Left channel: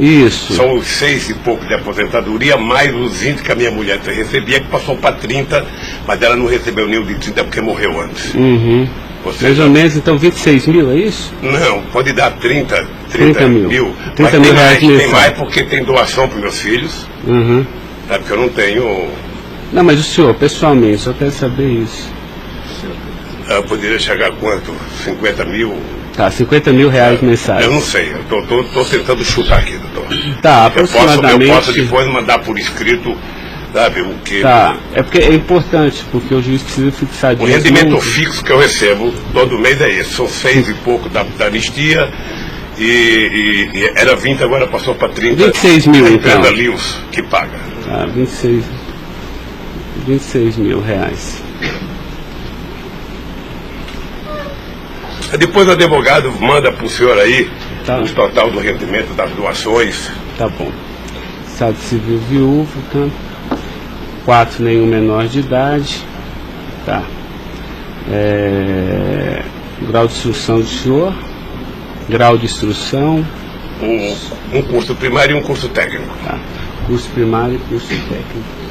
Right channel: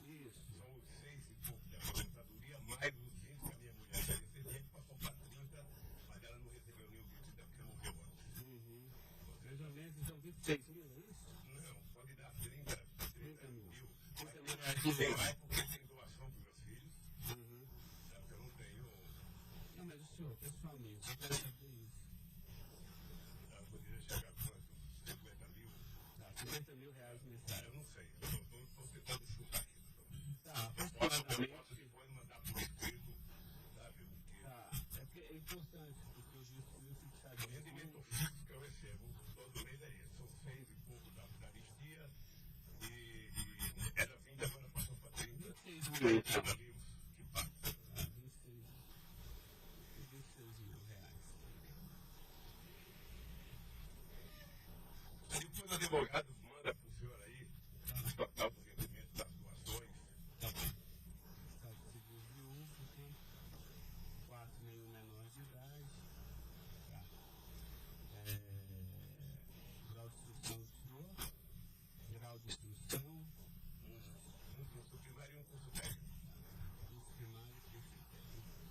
Isso. São os 6 e pouco de aposentadoria, mais os 20 que a minha mulher recebia, que passou para 30, mas ela não recebeu nenhum de 30 porque morreu antes. Uhum. Mais ou menos, então 26 mil, é isso? Não, pode dar 30 mil. 30 mil reais tem mais porque tem doação para meus filhos. Uhum. Sabe que eu não tenho. Não, mas o senhor, pessoalmente, só quero saber isso. Eu poderia chegar a quanto? 50 mil? Tá, 50 mil reais mensais. Eu não sei, eu tô tentando chutar aqui, doutor. Tá, aproximadamente. Eu posso depois mandar por escrito, sabe, o que. Tá, é porque é importante, porque o juiz precisa fixar O rendimento fixo que eu recebo todo mês é esse, são 6 e pouco da anistia, e era 20, agora passou para 30. 26 mil, então. A Lewis que paga. Tá, 26 mil reais. Depois o advogado manda para o senhor aí Tá. o total do rendimento das doações. Tá bom. Estado civil viúvo, tá? 4, nenhum menor de idade. Tá. Grau de instrução do senhor. Grau de instrução. Um curso primário e um curso técnico. Tá. Curso primário e curso técnico.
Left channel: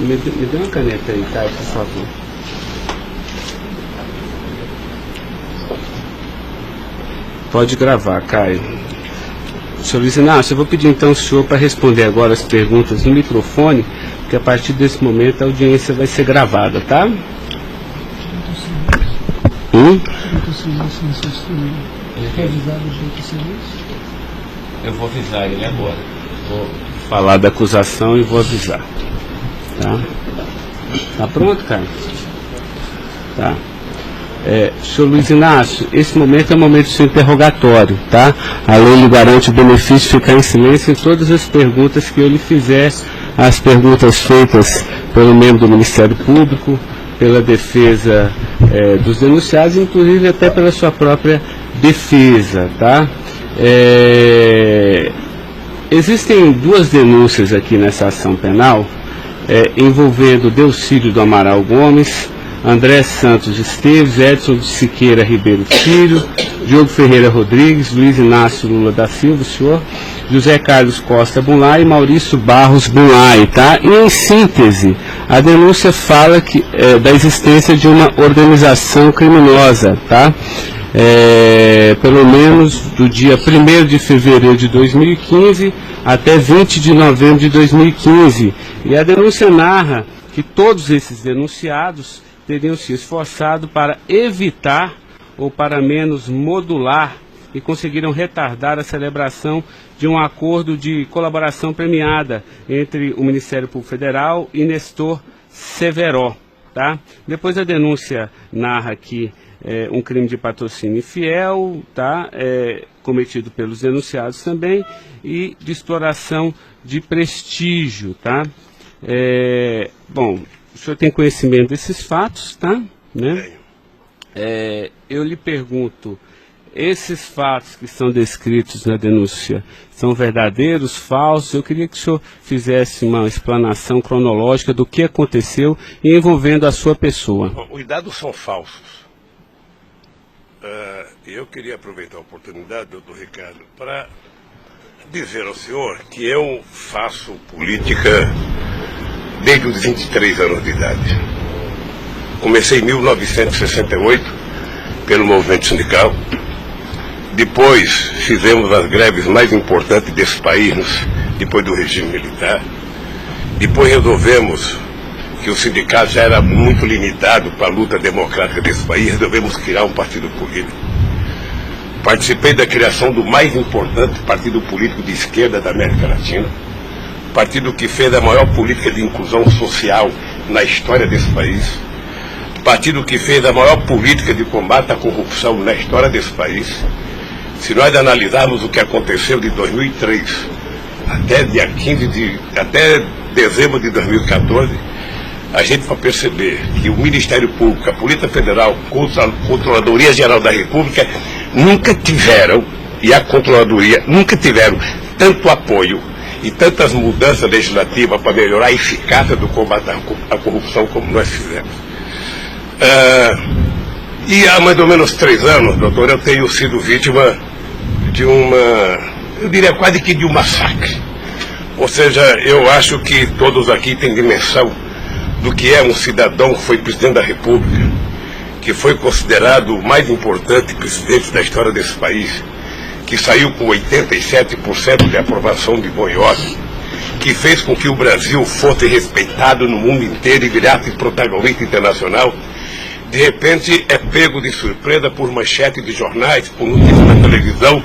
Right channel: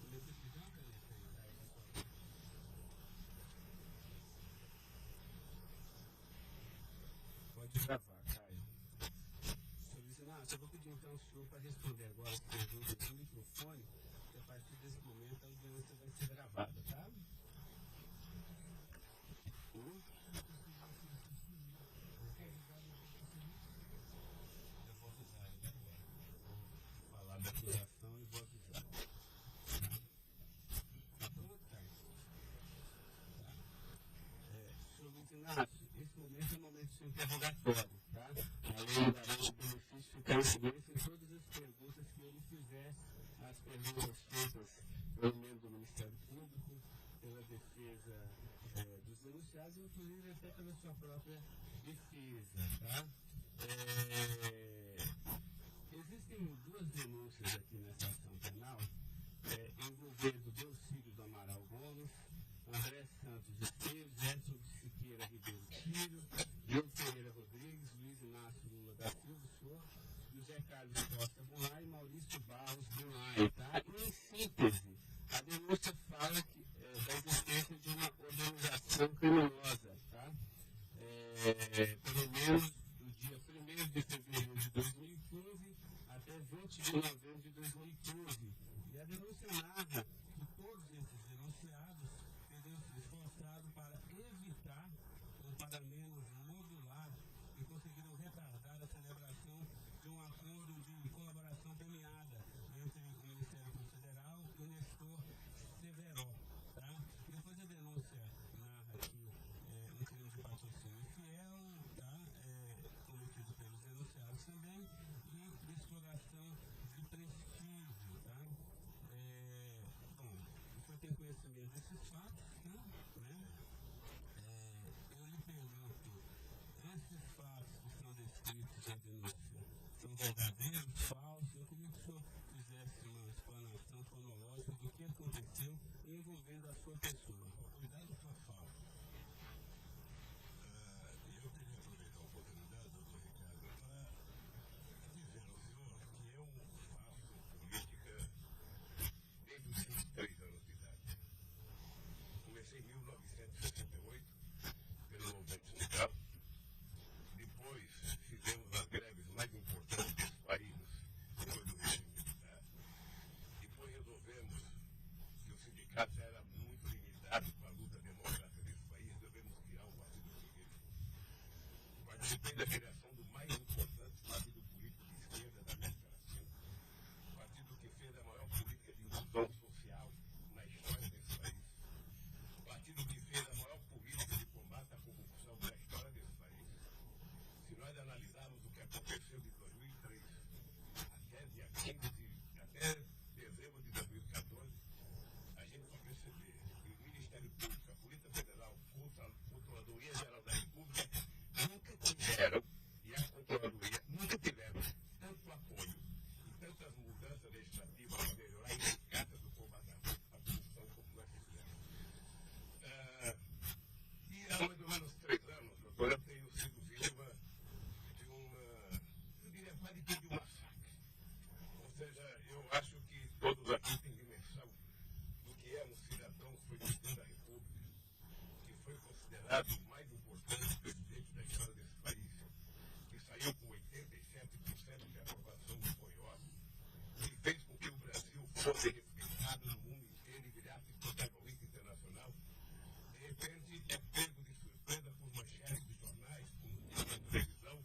Me dê uma caneta aí, Caio, por favor. Pode gravar, Caio. Senhor Luiz Inácio, eu vou pedir então ao senhor para responder agora as perguntas no microfone, porque a partir desse momento a audiência vai ser gravada, tá? Eu vou avisar ele agora. Vou falar da acusação e vou avisar. Tá? Tá pronto, cara? Tá. Senhor Luiz Inácio, esse momento é o momento do seu interrogatório, tá? A lei lhe garante o benefício de ficar em silêncio em todas as perguntas que eu lhe fizer, as perguntas feitas pelo membro do Ministério Público, pela defesa dos denunciados, inclusive até pela sua própria defesa, tá? Existem 2 denúncias aqui nessa ação penal, envolvendo Delcídio do Amaral Gomes, André Santos Esteves, Edson de Siqueira Ribeiro Filho, Diogo Ferreira Rodrigues, Luiz Inácio Lula da Silva, o senhor, José Carlos Costa Bunlai e Maurício Barros Bunlai, tá? E em síntese, a denúncia fala da existência de uma organização criminosa, tá? Pelo menos do dia 1º de fevereiro de 2015 até 20 de novembro de 2015. E a denúncia narra que todos esses denunciados teriam se esforçado para evitar ou para menos modular e conseguiram retardar a celebração de um acordo de colaboração premiada entre o Ministério Público Federal e Nestor Severo, tá? Depois a denúncia narra que um crime de patrocínio infiel, tá? Cometido pelos denunciados também, e de exploração de prestígio, tá? Bom, o senhor tem conhecimento desses fatos, tá? Né? Eu lhe pergunto, esses fatos que são descritos na denúncia são verdadeiros, falsos? Eu queria que o senhor fizesse uma explanação cronológica do que aconteceu envolvendo a sua pessoa. Os dados são falsos. Eu queria aproveitar a oportunidade, doutor Ricardo, para dizer ao senhor que eu faço política desde os 23 anos de idade. Comecei em 1968 pelo movimento sindical. Depois fizemos as greves mais importantes desse país, depois do regime militar. Depois resolvemos que o sindicato já era muito limitado para a luta democrática desse país, resolvemos criar um partido político. Participei da criação do mais importante partido político de esquerda da América Latina, partido que fez a maior política de inclusão social na história desse país, partido que fez a maior política de combate à corrupção na história desse país. Se nós analisarmos o que aconteceu de 2003 até dezembro de 2014, a gente vai perceber que o Ministério Público, a Polícia Federal, a Controladoria Geral da República nunca tiveram, e a Controladoria nunca tiveram tanto apoio e tantas mudanças legislativas para melhorar a eficácia do combate à corrupção como nós fizemos. E há mais ou menos 3 anos, doutor, eu tenho sido vítima de eu diria quase que de um massacre. Ou seja, eu acho que todos aqui têm dimensão do que é um cidadão que foi presidente da República, que foi considerado o mais importante presidente da história desse país, que saiu com 87% de aprovação de bom e ordem, que fez com que o Brasil fosse respeitado no mundo inteiro e virasse protagonista internacional, de repente é pego de surpresa por manchete de jornais, por notícias na televisão,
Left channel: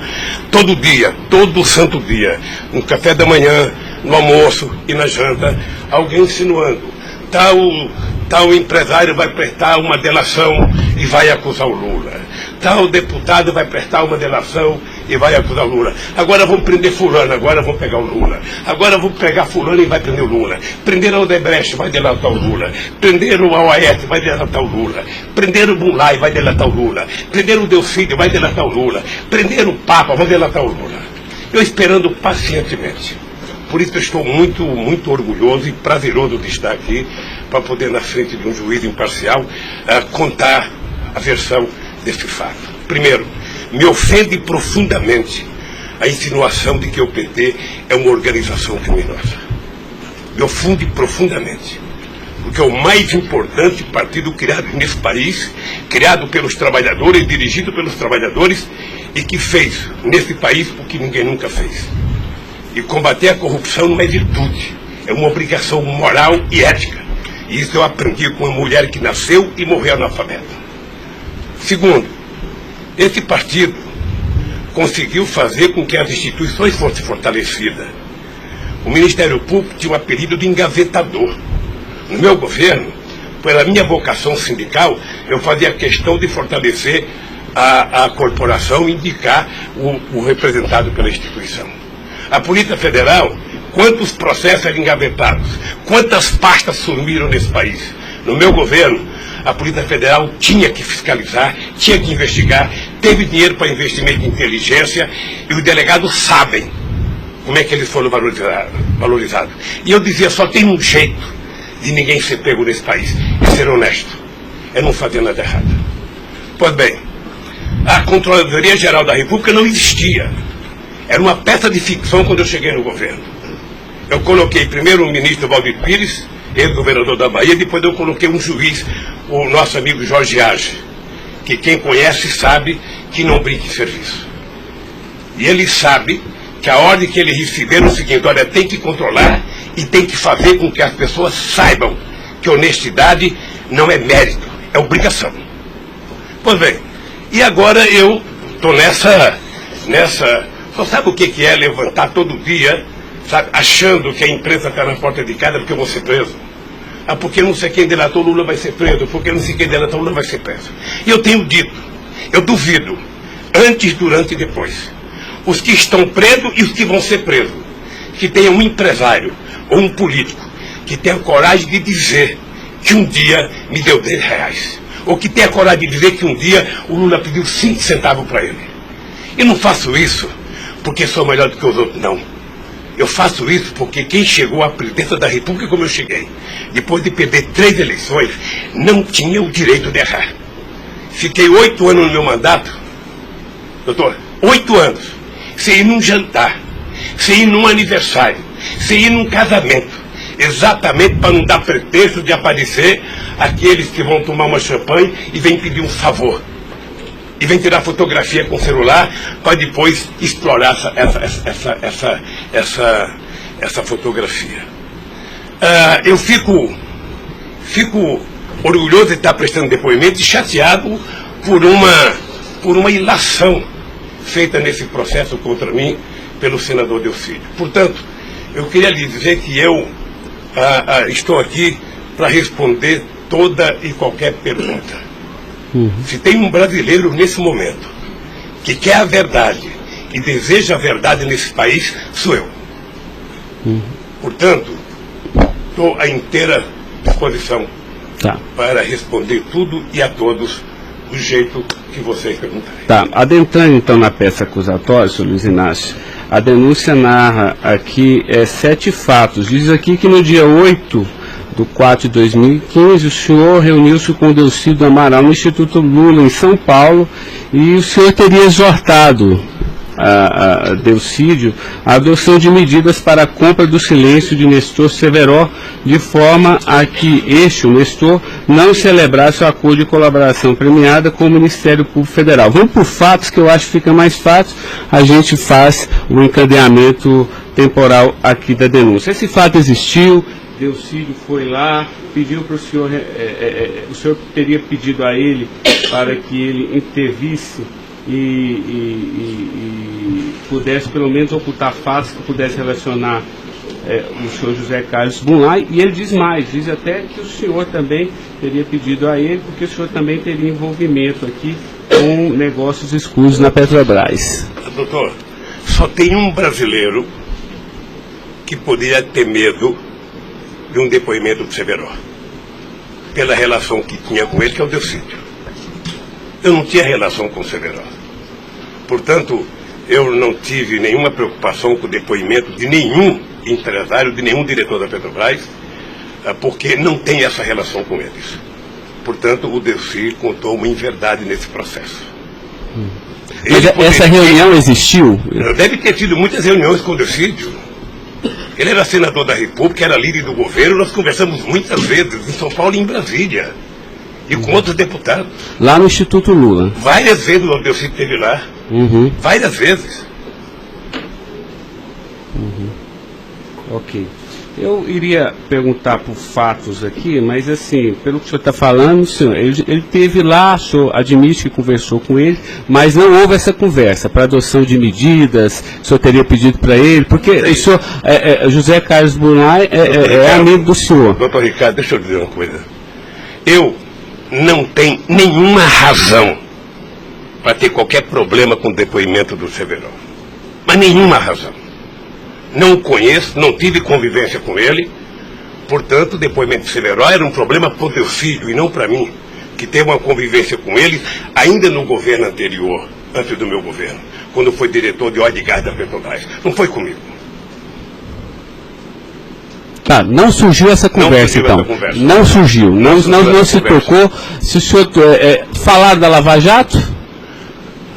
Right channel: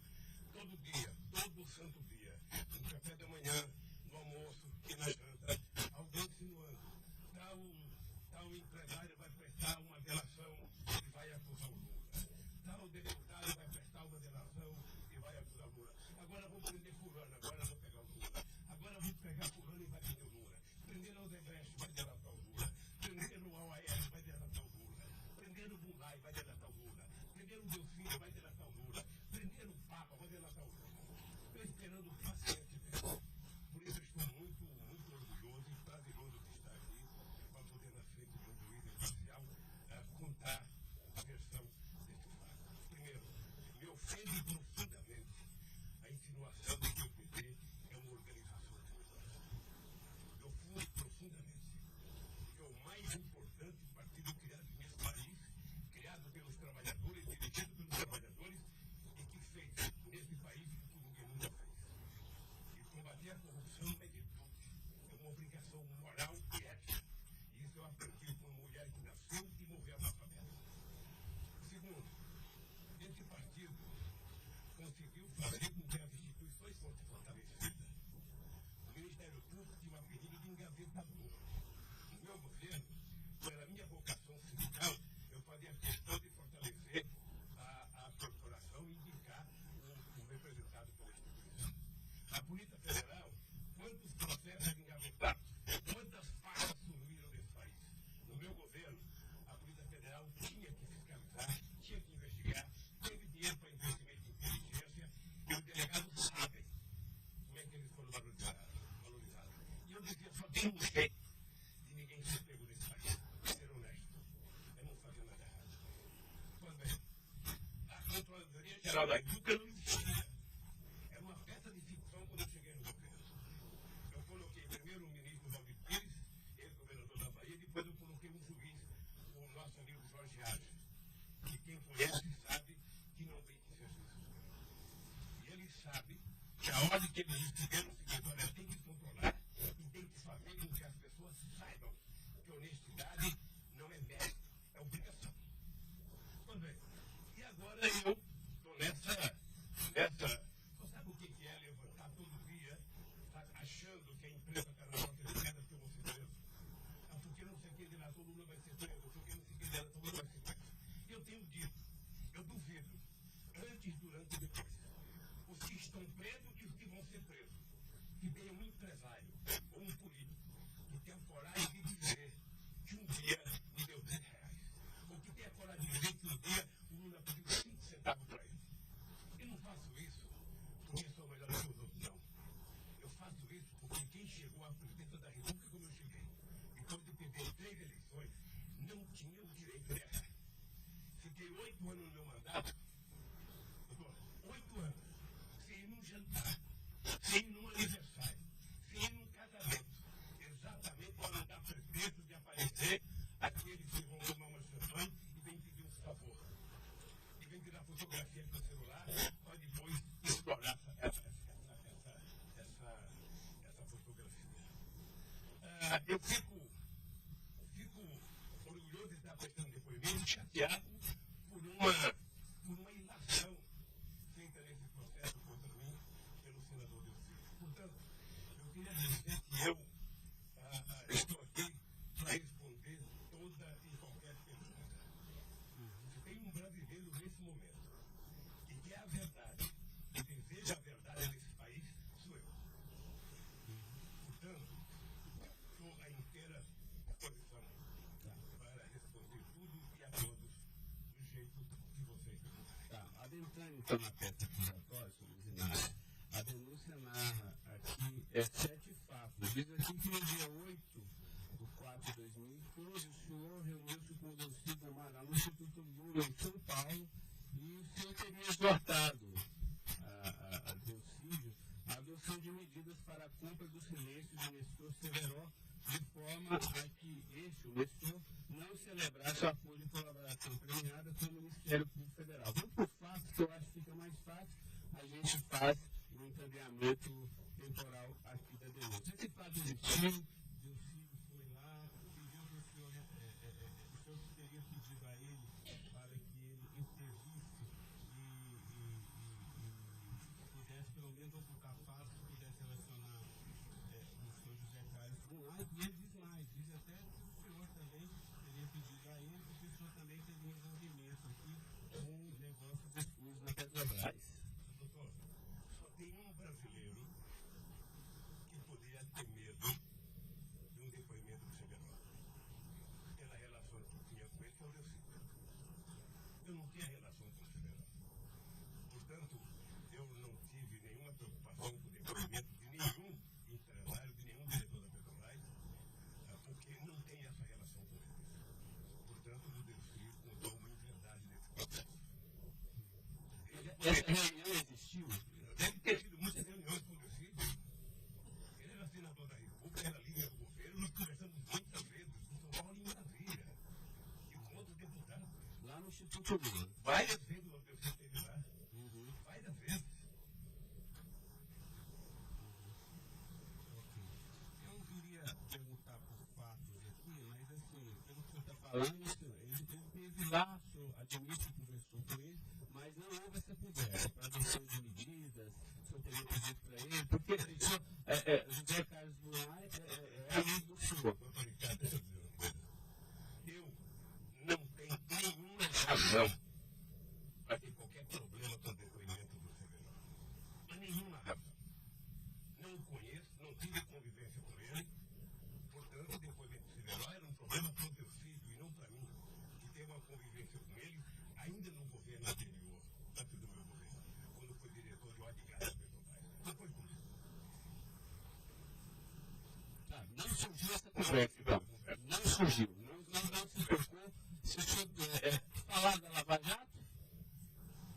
todo dia, todo santo dia, no café da manhã, no almoço e na janta, alguém insinuando, tal empresário vai prestar uma delação e vai acusar o Lula. Tal deputado vai prestar uma delação e vai acusar o Lula. Agora vão prender fulano, agora vão pegar o Lula. Agora vão pegar fulano e vai prender o Lula. Prenderam o Odebrecht, vai delatar o Lula. Prenderam o Aoaete, vai delatar o Lula. Prenderam o Bunlai, vai delatar o Lula. Prenderam o Delcídio, vai delatar o Lula. Prenderam o Papa, vai delatar o Lula. Eu esperando pacientemente. Por isso eu estou muito, muito orgulhoso e prazeroso de estar aqui para poder, na frente de um juiz imparcial, contar a versão desse fato. Primeiro, me ofende profundamente a insinuação de que o PT é uma organização criminosa. Me ofende profundamente, porque é o mais importante partido criado nesse país, criado pelos trabalhadores, dirigido pelos trabalhadores, e que fez nesse país o que ninguém nunca fez. E combater a corrupção não é virtude, é uma obrigação moral e ética. E isso eu aprendi com uma mulher que nasceu e morreu analfabeta. Segundo, esse partido conseguiu fazer com que as instituições fossem fortalecidas. O Ministério Público tinha um apelido de engavetador. No meu governo, pela minha vocação sindical, eu fazia questão de fortalecer a corporação e indicar o representado pela instituição. A Polícia Federal, quantos processos eram engavetados, quantas pastas sumiram nesse país. No meu governo, a Polícia Federal tinha que fiscalizar, tinha que investigar, teve dinheiro para investimento em inteligência e os delegados sabem como é que eles foram valorizados. E eu dizia, só tem um jeito de ninguém ser pego nesse país, é ser honesto, é não fazer nada errado. Pois bem, a Controladoria Geral da República não existia. Era uma peça de ficção quando eu cheguei no governo. Eu coloquei primeiro o ministro Valdir Pires, ex-governador da Bahia, depois eu coloquei um juiz, o nosso amigo Jorge Age, que quem conhece sabe que não brinca em serviço. E ele sabe que a ordem que ele receber é o seguinte, olha, tem que controlar e tem que fazer com que as pessoas saibam que honestidade não é mérito, é obrigação. Pois bem, e agora eu estou nessa... Só sabe o que é levantar todo dia, sabe, achando que a imprensa está na porta de casa porque eu vou ser preso? Ah, porque não sei quem delatou Lula vai ser preso, porque não sei quem delatou Lula vai ser preso. E eu tenho dito, eu duvido, antes, durante e depois, os que estão presos e os que vão ser presos, que tenha um empresário ou um político que tenha coragem de dizer que um dia me deu R$10, ou que tenha coragem de dizer que um dia o Lula pediu 5 centavos para ele. Eu não faço isso porque sou melhor do que os outros, não. Eu faço isso porque quem chegou à presidência da República como eu cheguei, depois de perder 3 eleições, não tinha o direito de errar. Fiquei 8 anos no meu mandato, doutor, 8 anos, sem ir num jantar, sem ir num aniversário, sem ir num casamento, exatamente para não dar pretexto de aparecer aqueles que vão tomar uma champanhe e vêm pedir um favor. E vem tirar fotografia com o celular para depois explorar essa fotografia. Eu fico orgulhoso de estar prestando depoimento e chateado por uma ilação feita nesse processo contra mim pelo senador Delcídio. Portanto, eu queria lhe dizer que eu estou aqui para responder toda e qualquer pergunta. Se tem um brasileiro nesse momento que quer a verdade e deseja a verdade nesse país, sou eu. Portanto, estou à inteira disposição para responder tudo e a todos do jeito que vocês perguntarem. Tá, adentrando então na peça acusatória, senhor Luiz Inácio, A denúncia narra aqui 7 fatos. Diz aqui que no dia 8/4/2015, o senhor reuniu-se com o Delcídio Amaral no Instituto Lula, em São Paulo, e o senhor teria exortado a Delcídio a adoção de medidas para a compra do silêncio de Nestor Severo, de forma a que o Nestor, não celebrasse o acordo de colaboração premiada com o Ministério Público Federal. Vamos por fatos, que eu acho que fica mais fácil, a gente faz o encadeamento temporal aqui da denúncia. Esse fato existiu, Delcídio foi lá, pediu para o senhor teria pedido a ele para que ele intervisse e pudesse pelo menos ocultar fatos que pudesse relacionar o senhor José Carlos Bunlai, e ele diz mais, diz até que o senhor também teria pedido a ele, porque o senhor também teria envolvimento aqui com negócios escusos na Petrobras. Doutor, só tem um brasileiro que poderia ter medo de um depoimento do Severo, pela relação que tinha com ele, que é o Delcídio. Eu não tinha relação com o Severo. Portanto, eu não tive nenhuma preocupação com o depoimento de nenhum empresário, de nenhum diretor da Petrobras, porque não tem essa relação com eles. Portanto, o Delcídio contou uma inverdade nesse processo. Mas essa reunião existiu? Deve ter tido muitas reuniões com o Delcídio. Ele era senador da República, era líder do governo, nós conversamos muitas vezes em São Paulo e em Brasília. E com outros deputados. Lá no Instituto Lula. Várias vezes o Delcídio esteve lá. Várias vezes. Ok. Eu iria perguntar por fatos aqui, mas assim, pelo que o senhor está falando, senhor, ele teve lá, o senhor admite que conversou com ele, mas não houve essa conversa para adoção de medidas, o senhor teria pedido para ele, porque o senhor, José Carlos Bunlai é amigo do senhor. Doutor Ricardo, deixa eu dizer uma coisa. Eu não tenho nenhuma razão para ter qualquer problema com o depoimento do Severo. Mas nenhuma razão. Não o conheço, não tive convivência com ele. Portanto, o depoimento do Severo era um problema para o Delcídio e não para mim, que teve uma convivência com ele ainda no governo anterior, antes do meu governo, quando foi diretor de óleo e gás da Petrobras. Não foi comigo. Tá, não surgiu essa conversa, então. Não surgiu, não se tocou. Se o senhor falar da Lava Jato?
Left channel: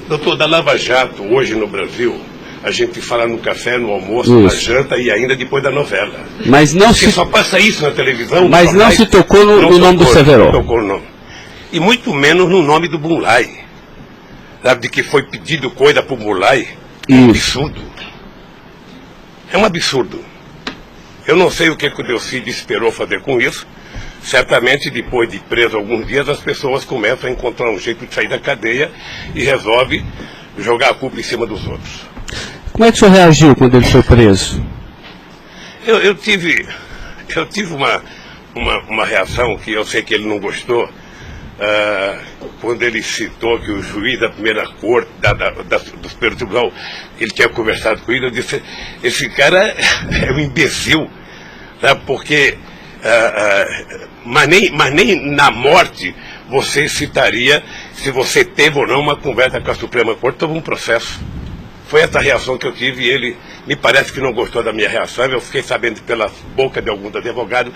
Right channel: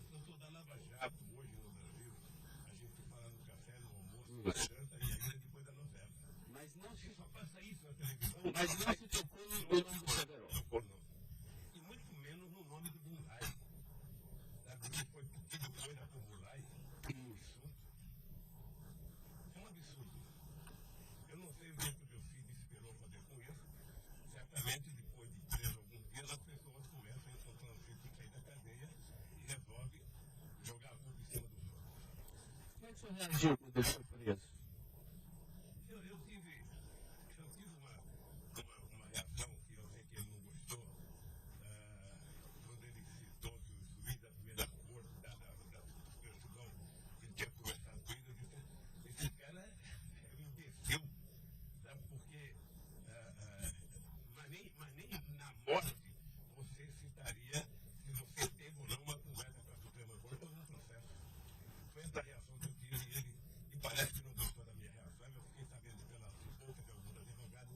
Doutor, da Lava Jato, hoje no Brasil, a gente fala no café, no almoço, na janta e ainda depois da novela. Mas não Porque só passa isso na televisão. Mas não se tocou no nome do Severo. Não tocou no nome. E muito menos no nome do Bunlai. Sabe, de que foi pedido coisa para o Bunlai. É um absurdo. É um absurdo. Eu não sei o que o Delcídio esperou fazer com isso. Certamente, depois de preso alguns dias, as pessoas começam a encontrar um jeito de sair da cadeia e resolve jogar a culpa em cima dos outros. Como é que o senhor reagiu quando ele foi preso? Eu tive uma reação que eu sei que ele não gostou, quando ele citou que o juiz da primeira corte, do Superior Tribunal, ele tinha conversado com ele. Eu disse, esse cara é um imbecil, sabe? Porque, mas nem na morte você citaria se você teve ou não uma conversa com a Suprema Corte sobre um processo. Foi essa reação que eu tive e ele me parece que não gostou da minha reação. Eu fiquei sabendo pela boca de alguns advogados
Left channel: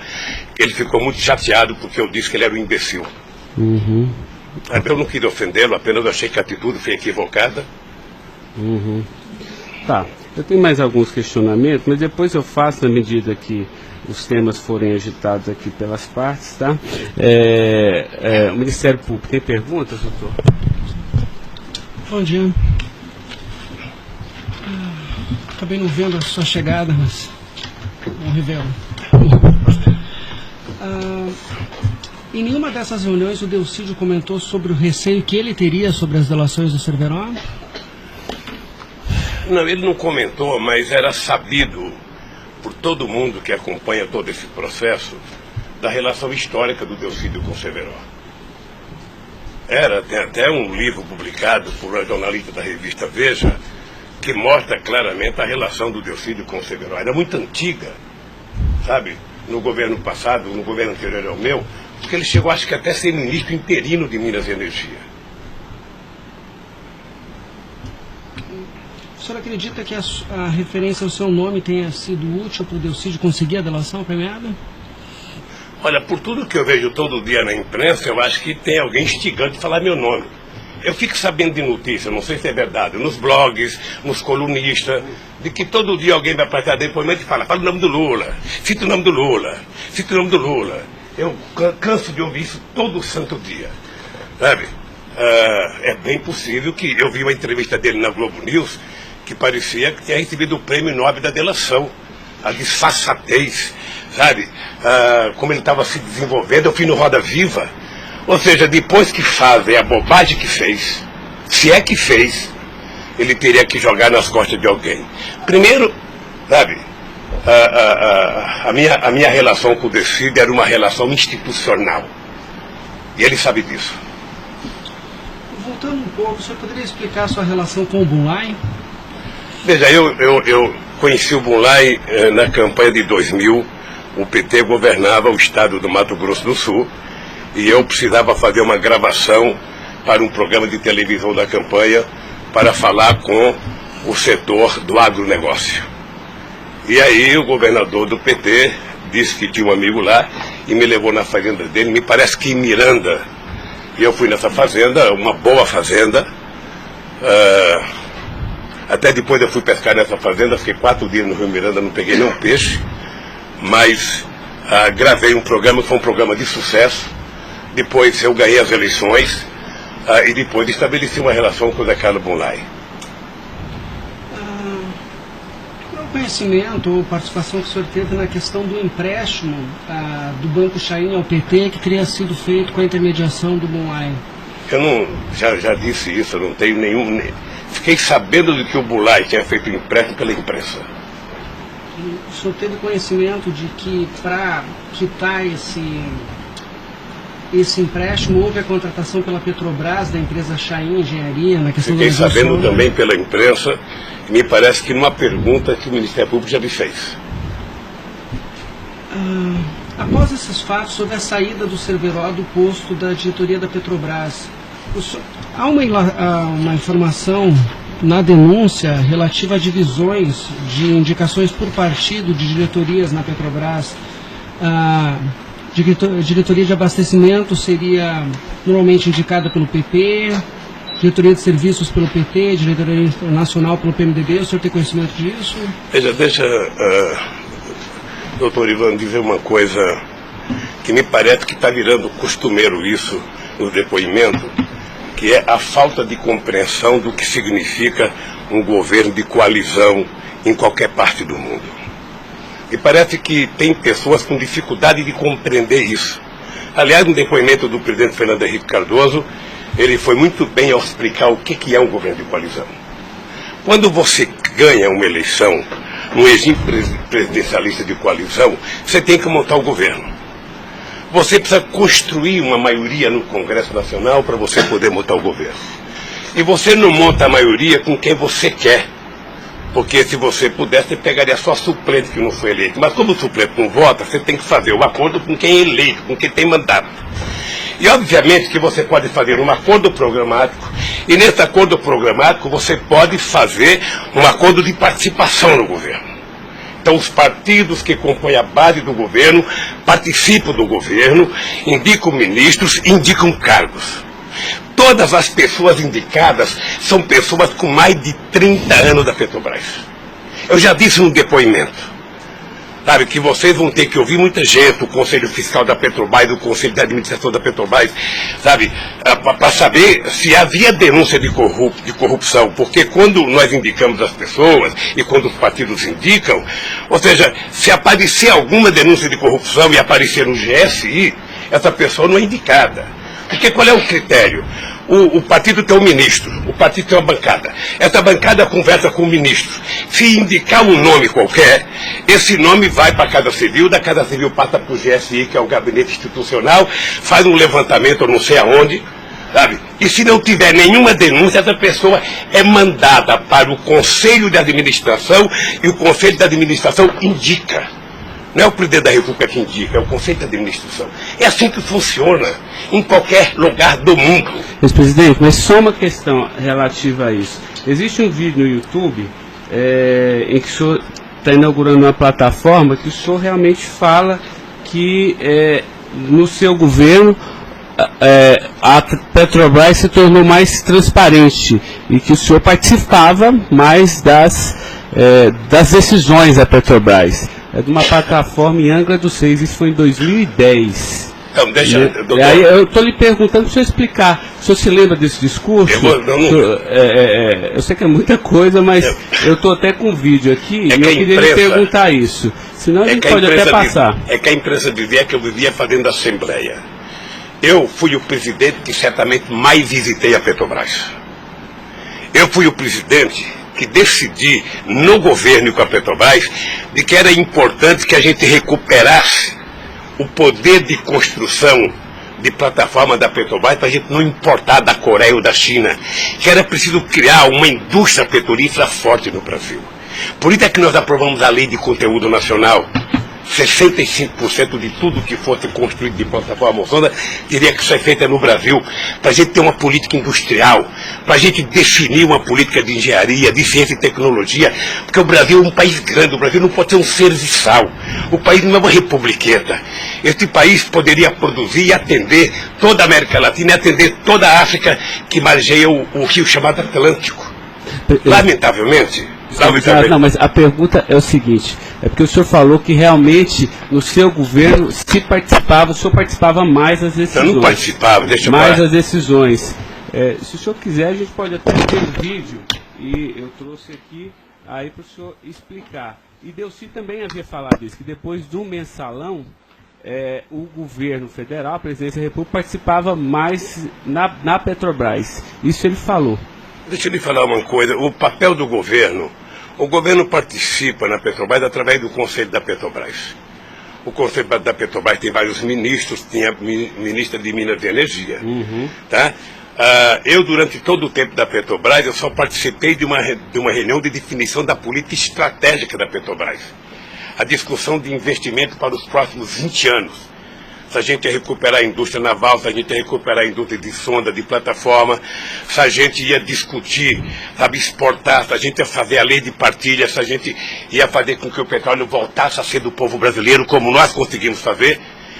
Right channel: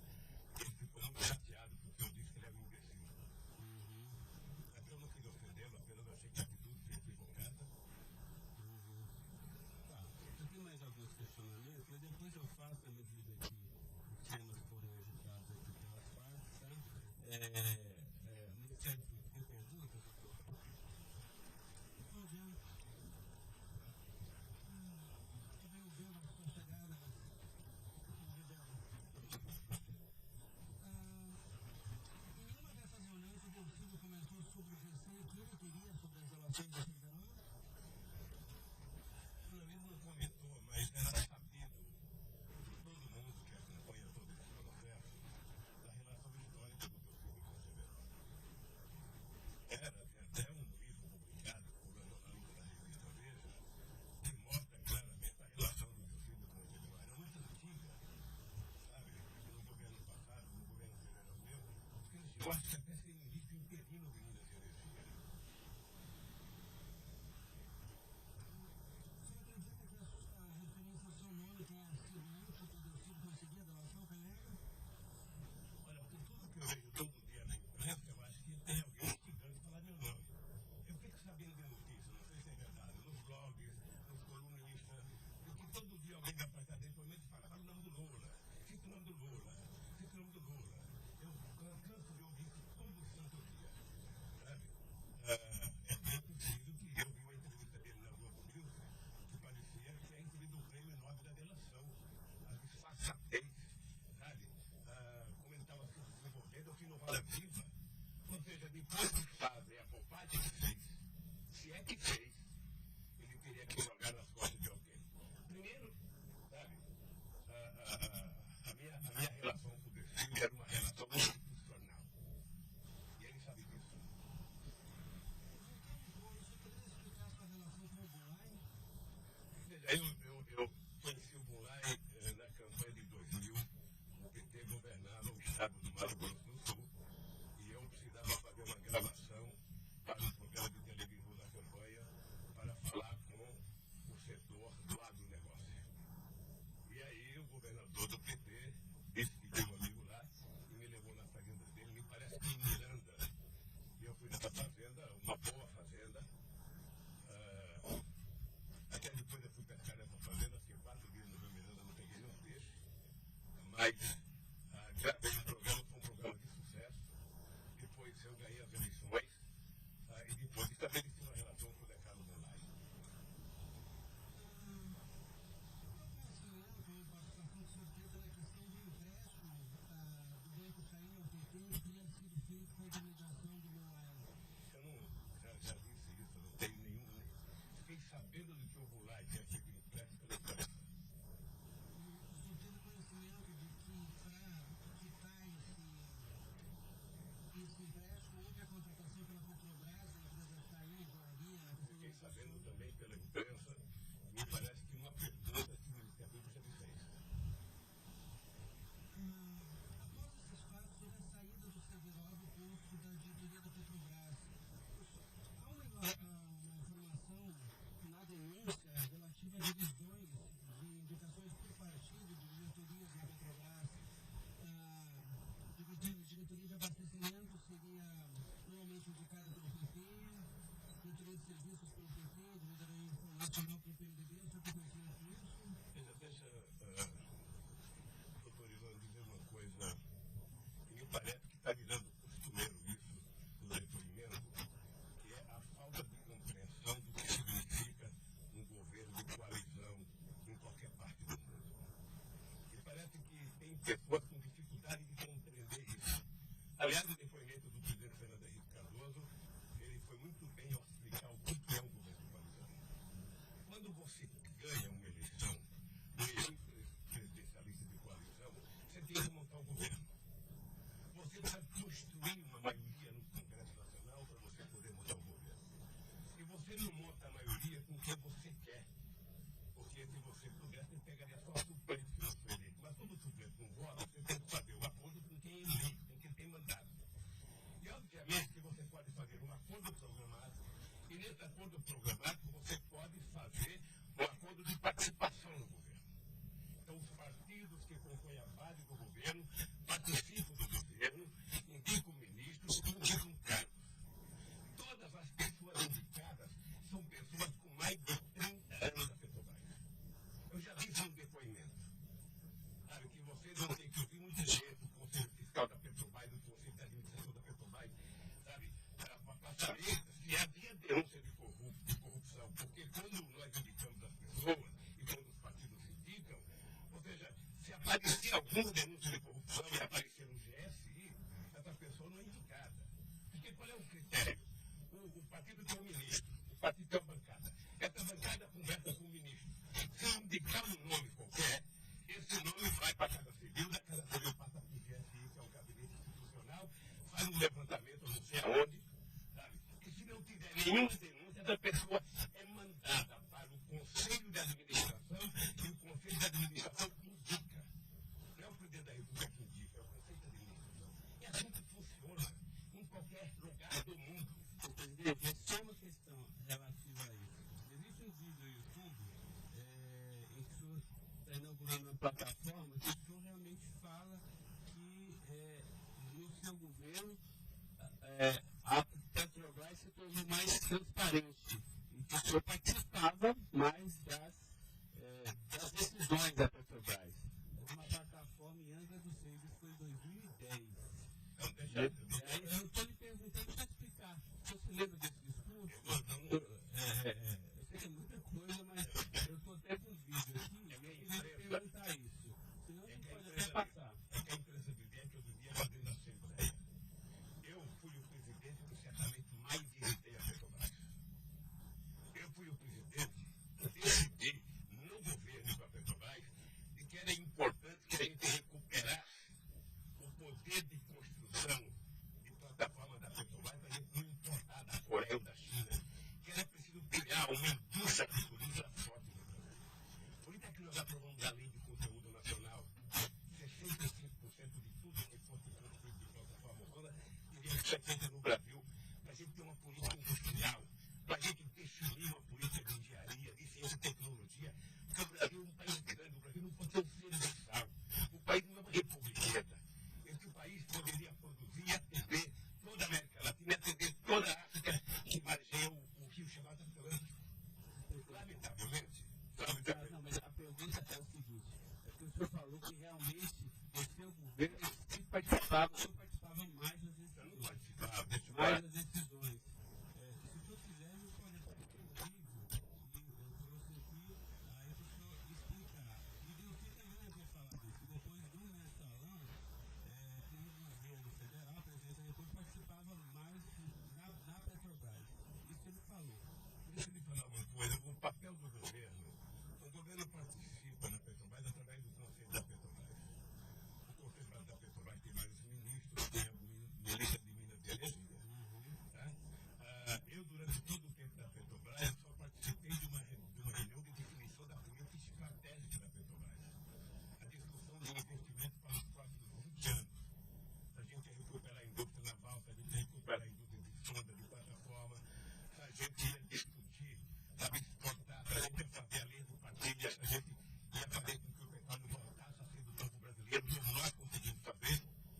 que ele ficou muito chateado porque eu disse que ele era um imbecil. Eu não quis ofendê-lo, apenas achei que a atitude foi equivocada. Tá, eu tenho mais alguns questionamentos, mas depois eu faço na medida que os temas forem agitados aqui pelas partes, tá? O Ministério Público tem perguntas, doutor? Bom dia. Acabei não vendo a sua chegada, mas não revelo. Em nenhuma dessas reuniões o Delcídio comentou sobre o receio que ele teria sobre as delações do Severo? Não, ele não comentou, mas era sabido por todo mundo que acompanha todo esse processo da relação histórica do Delcídio com o Severo. Tem até um livro publicado por uma jornalista da revista Veja que mostra claramente a relação do Delcídio com o Severo. Era muito antiga, sabe? No governo passado, no governo anterior ao meu, porque ele chegou, acho que até a ser ministro interino de Minas e Energia. O senhor acredita que a referência ao seu nome tenha sido útil para o Delcídio conseguir a delação premiada? Olha, por tudo que eu vejo todo dia na imprensa, eu acho que tem alguém instigando de falar meu nome. Eu fico sabendo de notícia, não sei se é verdade, nos blogs, nos colunistas, de que todo dia alguém vai prestar depoimento e fala o nome do Lula, cita o nome do Lula, cita o nome do Lula. Eu canso de ouvir isso todo santo dia, sabe? É bem possível que eu vi uma entrevista dele na Globo News que parecia que tinha recebido o prêmio Nobel da delação, a disfarçatez, sabe? Como ele estava se desenvolvendo, eu fui no Roda Viva. Ou seja, depois que fazem a bobagem que fez, se é que fez, ele teria que jogar nas costas de alguém. Primeiro, sabe, a minha relação com o Delcídio era uma relação institucional. E ele sabe disso. Voltando um pouco, o senhor poderia explicar a sua relação com o Bunlai? Veja, eu conheci o Bunlai na campanha de 2000. O PT governava o estado do Mato Grosso do Sul e eu precisava fazer uma gravação para um programa de televisão da campanha para falar com o setor do agronegócio. E aí o governador do PT disse que tinha um amigo lá e me levou na fazenda dele, me parece que em Miranda. E eu fui nessa fazenda, uma boa fazenda. Até depois eu fui pescar nessa fazenda, fiquei 4 dias no Rio Miranda, não peguei nenhum peixe. Mas gravei um programa que foi um programa de sucesso. Depois eu ganhei as eleições e depois estabeleci uma relação com o Zé Carlos Bunlai. Qual é o conhecimento ou participação que o senhor teve na questão do empréstimo do Banco Chain ao PT que teria sido feito com a intermediação do Bunlai? Eu não, já disse isso, eu não tenho nenhum... Fiquei sabendo de que o Bunlai tinha feito um empréstimo pela imprensa. O senhor teve conhecimento de que para quitar esse empréstimo houve a contratação pela Petrobras da empresa Chain Engenharia na questão Fiquei da sabendo também pela imprensa, e me parece que numa pergunta que o Ministério Público já me fez. Após esses fatos, sobre a saída do Cerveró do posto da diretoria da Petrobras, há uma informação na denúncia relativa a divisões de indicações por partido de diretorias na Petrobras. A diretoria de abastecimento seria normalmente indicada pelo PP, diretoria de serviços pelo PT, diretoria nacional pelo PMDB. O senhor tem conhecimento disso? Veja, deixa, doutor Ivan, dizer uma coisa que me parece que está virando costumeiro isso no depoimento, que é a falta de compreensão do que significa um governo de coalizão em qualquer parte do mundo. E parece que tem pessoas com dificuldade de compreender isso. Aliás, no depoimento do presidente Fernando Henrique Cardoso, ele foi muito bem ao explicar o que é um governo de coalizão. Quando você ganha uma eleição no regime presidencialista de coalizão, você tem que montar o governo. Você precisa construir uma maioria no Congresso Nacional para você poder montar o governo. E você não monta a maioria com quem você quer. Porque se você pudesse, você pegaria só suplente que não foi eleito. Mas como o suplente não vota, você tem que fazer um acordo com quem é eleito, com quem tem mandato. E obviamente que você pode fazer um acordo programático, e nesse acordo programático você pode fazer um acordo de participação no governo. Então os partidos que compõem a base do governo participam do governo, indicam ministros, indicam cargos. Todas as pessoas indicadas são pessoas com mais de 30 anos da Petrobras. Eu já disse no depoimento, sabe, que vocês vão ter que ouvir muita gente, o Conselho Fiscal da Petrobras, o Conselho de Administração da Petrobras, sabe, para saber se havia denúncia de corrupção, porque quando nós indicamos as pessoas e quando os partidos indicam, ou seja, se aparecer alguma denúncia de corrupção e aparecer no GSI, essa pessoa não é indicada. Porque qual é o critério? O partido tem um ministro, o partido tem uma bancada. Essa bancada conversa com o ministro. Se indicar um nome qualquer, esse nome vai para a Casa Civil, da Casa Civil passa para o GSI, que é o Gabinete Institucional, faz um levantamento, eu não sei aonde, sabe? E se não tiver nenhuma denúncia, essa pessoa é mandada para o Conselho de Administração e o Conselho de Administração indica. Não é o presidente da República que indica, é o Conselho de Administração. É assim que funciona em qualquer lugar do mundo. Mas, presidente, mas só uma questão relativa a isso. Existe um vídeo no YouTube em que o senhor está inaugurando uma plataforma que o senhor realmente fala que no seu governo a Petrobras se tornou mais transparente e que o senhor participava mais das decisões da Petrobras. É de uma plataforma em Angra dos Reis, isso foi em 2010. Então, deixa, doutor. Aí eu estou lhe perguntando para o senhor explicar. O senhor se lembra desse discurso? Eu sei que é muita coisa, mas eu estou até com um vídeo aqui e eu queria lhe perguntar isso. Senão a gente pode até passar. É que a imprensa dizia que eu vivia fazendo assembleia. Eu fui o presidente que certamente mais visitei a Petrobras. Eu fui o presidente que decidi no governo e com a Petrobras de que era importante que a gente recuperasse o poder de construção de plataforma da Petrobras para a gente não importar da Coreia ou da China, que era preciso criar uma indústria petrolífera forte no Brasil. Por isso é que nós aprovamos a Lei de Conteúdo Nacional. 65% de tudo que fosse construído de plataforma sonda teria que ser feita no Brasil, para a gente ter uma política industrial, para a gente definir uma política de engenharia, de ciência e tecnologia, porque o Brasil é um país grande, o Brasil não pode ser um serviçal, o país não é uma republiqueta. Este país poderia produzir e atender toda a América Latina e atender toda a África que margeia o rio chamado Atlântico. Lamentavelmente. Não, mas a pergunta é o seguinte, é porque o senhor falou que realmente no seu governo o senhor participava mais das decisões. Eu não participava, deixa eu mais falar. as decisões. Se o senhor quiser, a gente pode até ter um vídeo, e eu trouxe aqui aí para o senhor explicar. E Delcy também havia falado isso, que depois do mensalão, o governo federal, a presidência da República, participava mais na Petrobras. Isso ele falou. Deixa eu lhe falar uma coisa, o papel do governo, o governo participa na Petrobras através do Conselho da Petrobras. O Conselho da Petrobras tem vários ministros, tinha a ministra de Minas e Energia. Tá? Eu, durante todo o tempo da Petrobras, eu só participei de uma reunião de definição da política estratégica da Petrobras. A discussão de investimento para os próximos 20 anos. Se a gente ia recuperar a indústria naval, se a gente ia recuperar a indústria de sonda, de plataforma, se a gente ia discutir, sabe, exportar, se a gente ia fazer a lei de partilha, se a gente ia fazer com que o petróleo voltasse a ser do povo brasileiro, como nós conseguimos fazer.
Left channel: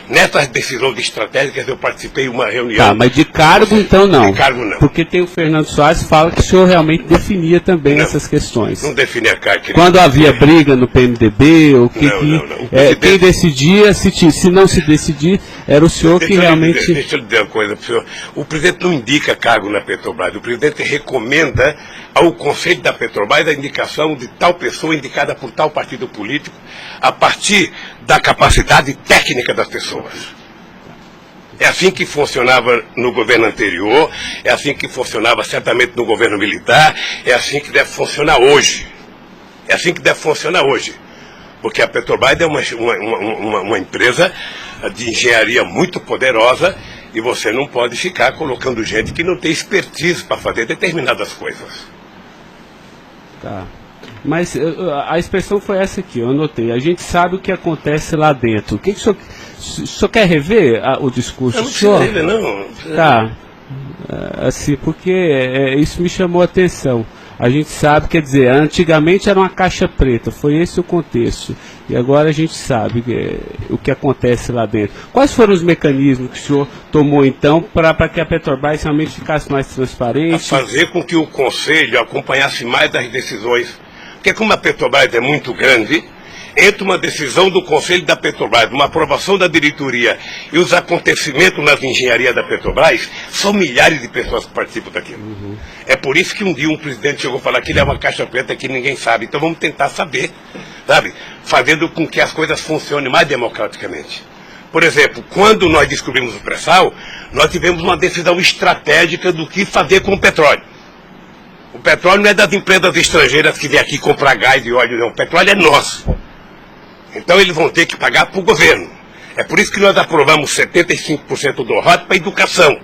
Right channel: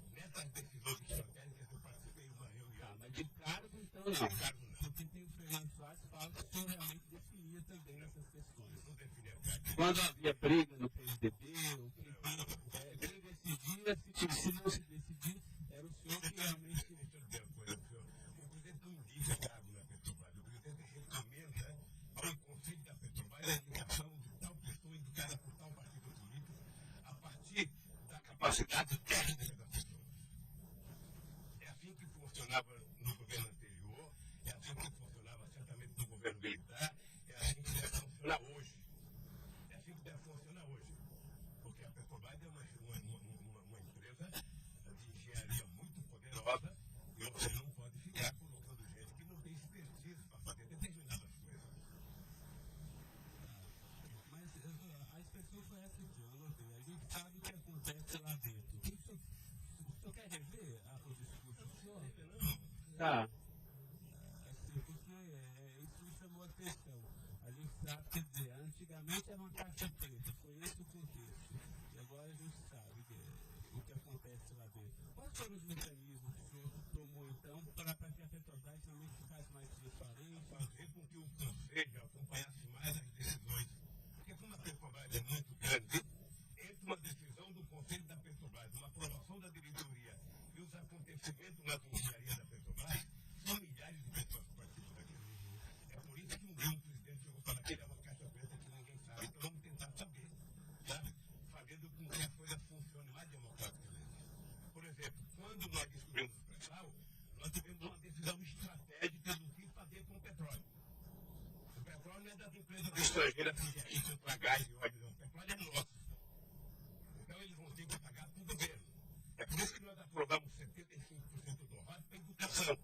Nessas decisões estratégicas eu participei de uma reunião. Tá, mas de cargo então não. De cargo não. Porque tem o Fernando Soares que fala que o senhor realmente definia também essas questões. Não definia cargo. Quando havia briga no PMDB, ou não. Quem decidia, se não se decidir, era o senhor que realmente... Deixa eu lhe dizer uma coisa para o senhor. O presidente não indica cargo na Petrobras. O presidente recomenda ao Conselho da Petrobras a indicação de tal pessoa indicada por tal partido político a partir da capacidade técnica das pessoas. É assim que funcionava no governo anterior, é assim que funcionava certamente no governo militar, é assim que deve funcionar hoje. É assim que deve funcionar hoje. Porque a Petrobras é uma empresa de engenharia muito poderosa e você não pode ficar colocando gente que não tem expertise para fazer determinadas coisas. Tá. Mas a expressão foi essa aqui, eu anotei. A gente sabe o que acontece lá dentro. O que o senhor quer rever o discurso? Eu não preciso rever, não. Tá. Assim, porque isso me chamou a atenção. A gente sabe, quer dizer, antigamente era uma caixa preta, foi esse o contexto. E agora a gente sabe o que acontece lá dentro. Quais foram os mecanismos que o senhor tomou, então, para que a Petrobras realmente ficasse mais transparente? A fazer com que o Conselho acompanhasse mais as decisões. Porque como a Petrobras é muito grande, entre uma decisão do Conselho da Petrobras, uma aprovação da diretoria e os acontecimentos nas engenharias da Petrobras, são milhares de pessoas que participam daquilo. É por isso que um dia um presidente chegou a falar que ele é uma caixa preta que ninguém sabe. Então vamos tentar saber, sabe? Fazendo com que as coisas funcionem mais democraticamente. Por exemplo, quando nós descobrimos o pré-sal, nós tivemos uma decisão estratégica do que fazer com o petróleo. O petróleo não é das empresas estrangeiras que vêm aqui comprar gás e óleo, não. O petróleo é nosso. Então eles vão ter que pagar para o governo. É por isso que nós aprovamos 75% do ROT para a educação.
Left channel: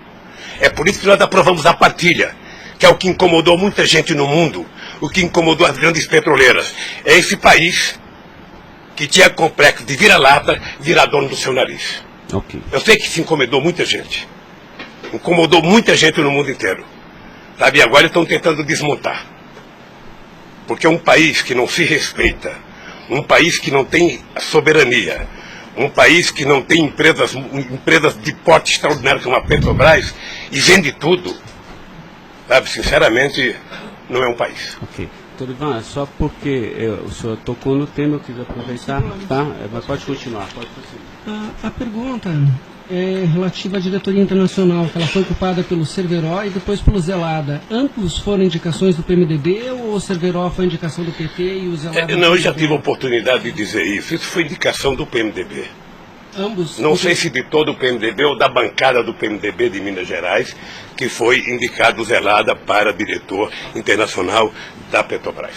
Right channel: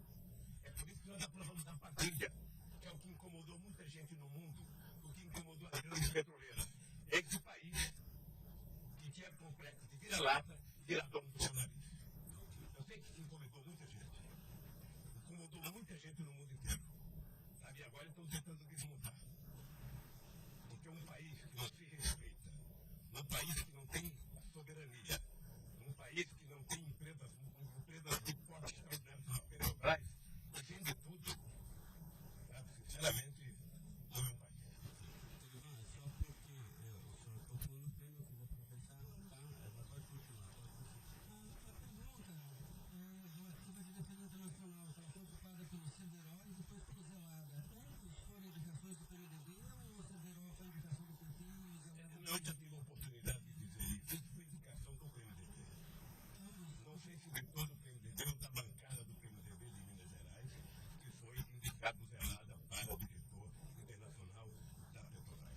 É por isso que nós aprovamos a partilha, que é o que incomodou muita gente no mundo, o que incomodou as grandes petroleiras. É esse país que tinha complexo de vira-lata, virar dono do seu nariz. Ok. Eu sei que isso incomodou muita gente. Incomodou muita gente no mundo inteiro. Sabe, e agora estão tentando desmontar. Porque é um país que não se respeita, um país que não tem soberania, um país que não tem empresas de porte extraordinário como a Petrobras e vende tudo. Sabe, sinceramente, não é um país. Ok. Doutor Ivan, só porque o senhor tocou no tema, eu quis aproveitar, tá? Mas pode continuar, pode prosseguir. A pergunta é relativa à diretoria internacional, que ela foi ocupada pelo Cerveró e depois pelo Zelada. Ambos foram indicações do PMDB ou o Cerveró foi indicação do PT e o Zelada... Não, eu já tive a oportunidade de dizer isso. Isso foi indicação do PMDB. Ambos? Não sei se de todo o PMDB ou da bancada do PMDB de Minas Gerais, que foi indicado o Zelada para diretor internacional da Petrobras.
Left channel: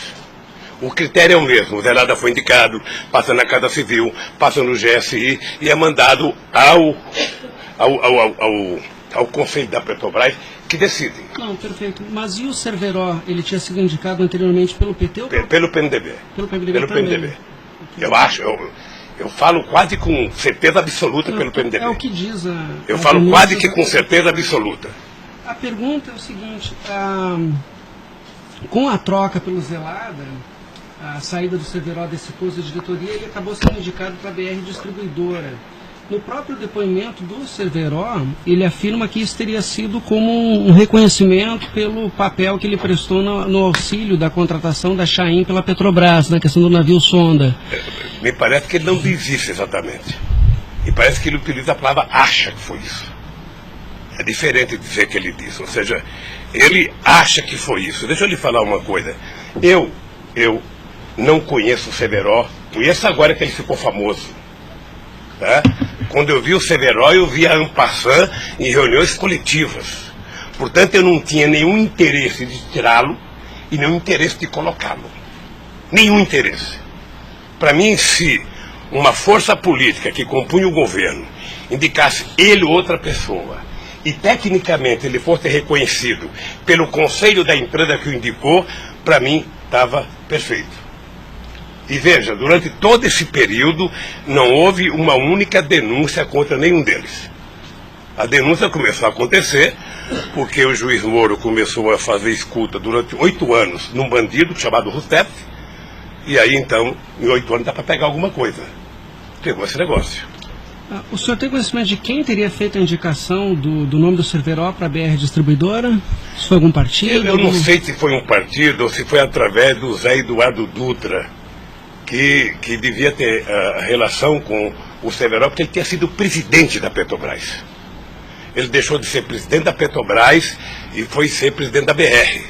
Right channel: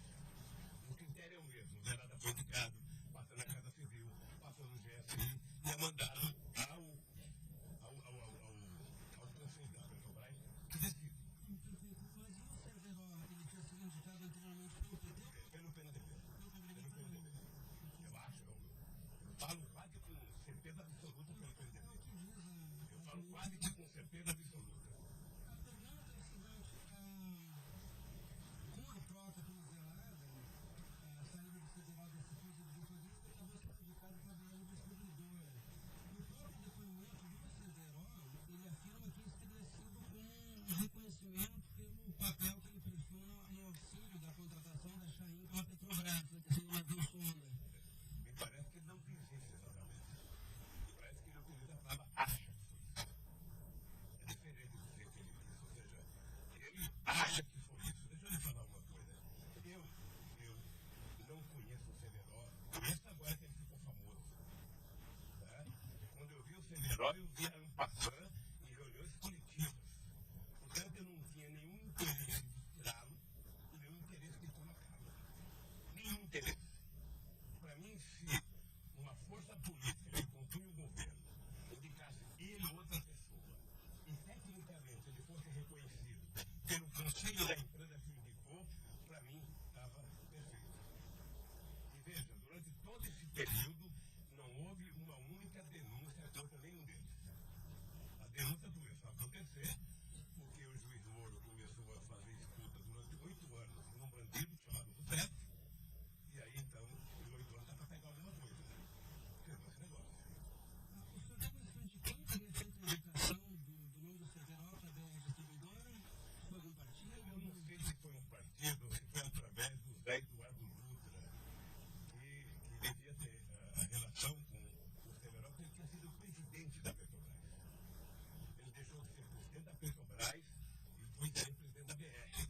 O critério é o mesmo. O Zelada foi indicado, passa na Casa Civil, passa no GSI e é mandado ao Conselho da Petrobras, que decide. Não, perfeito. Mas e o Cerveró? Ele tinha sido indicado anteriormente pelo PT ou pelo PMDB? Pelo PMDB Pelo também. PMDB. Eu acho, eu falo quase com certeza absoluta pelo PMDB. É o que diz a... Eu falo quase que com certeza absoluta. A pergunta é o seguinte, com a troca pelo Zelada, a saída do Cerveró desse posto de diretoria, ele acabou sendo indicado para a BR Distribuidora. No próprio depoimento do Cerveró, ele afirma que isso teria sido como um reconhecimento pelo papel que ele prestou no auxílio da contratação da Chain pela Petrobras, na questão do navio sonda. Me parece que ele não diz isso exatamente. Me parece que ele utiliza a palavra acha que foi isso. É diferente de dizer que ele disse. Ou seja, ele acha que foi isso. Deixa eu lhe falar uma coisa. Eu não conheço o Cerveró. Conheço agora que ele ficou famoso. Tá? Quando eu vi o Cerveró, eu vi a en passant em reuniões coletivas. Portanto, eu não tinha nenhum interesse de tirá-lo e nenhum interesse de colocá-lo. Nenhum interesse. Para mim, se uma força política que compunha o governo indicasse ele ou outra pessoa e tecnicamente ele fosse reconhecido pelo conselho da empresa que o indicou, para mim estava perfeito. E veja, durante todo esse período não houve uma única denúncia contra nenhum deles. A denúncia começou a acontecer porque o juiz Moro começou a fazer escuta durante 8 anos num bandido chamado Rousseff, e aí então, em 8 anos dá para pegar alguma coisa. Pegou esse negócio. O senhor tem conhecimento de quem teria feito a indicação do nome do Cerveró para a BR Distribuidora? Se foi algum partido? Eu não sei se foi um partido ou se foi através do Zé Eduardo Dutra, que devia ter relação com o Cerveró, porque ele tinha sido presidente da Petrobras. Ele deixou de ser presidente da Petrobras e foi ser presidente da BR.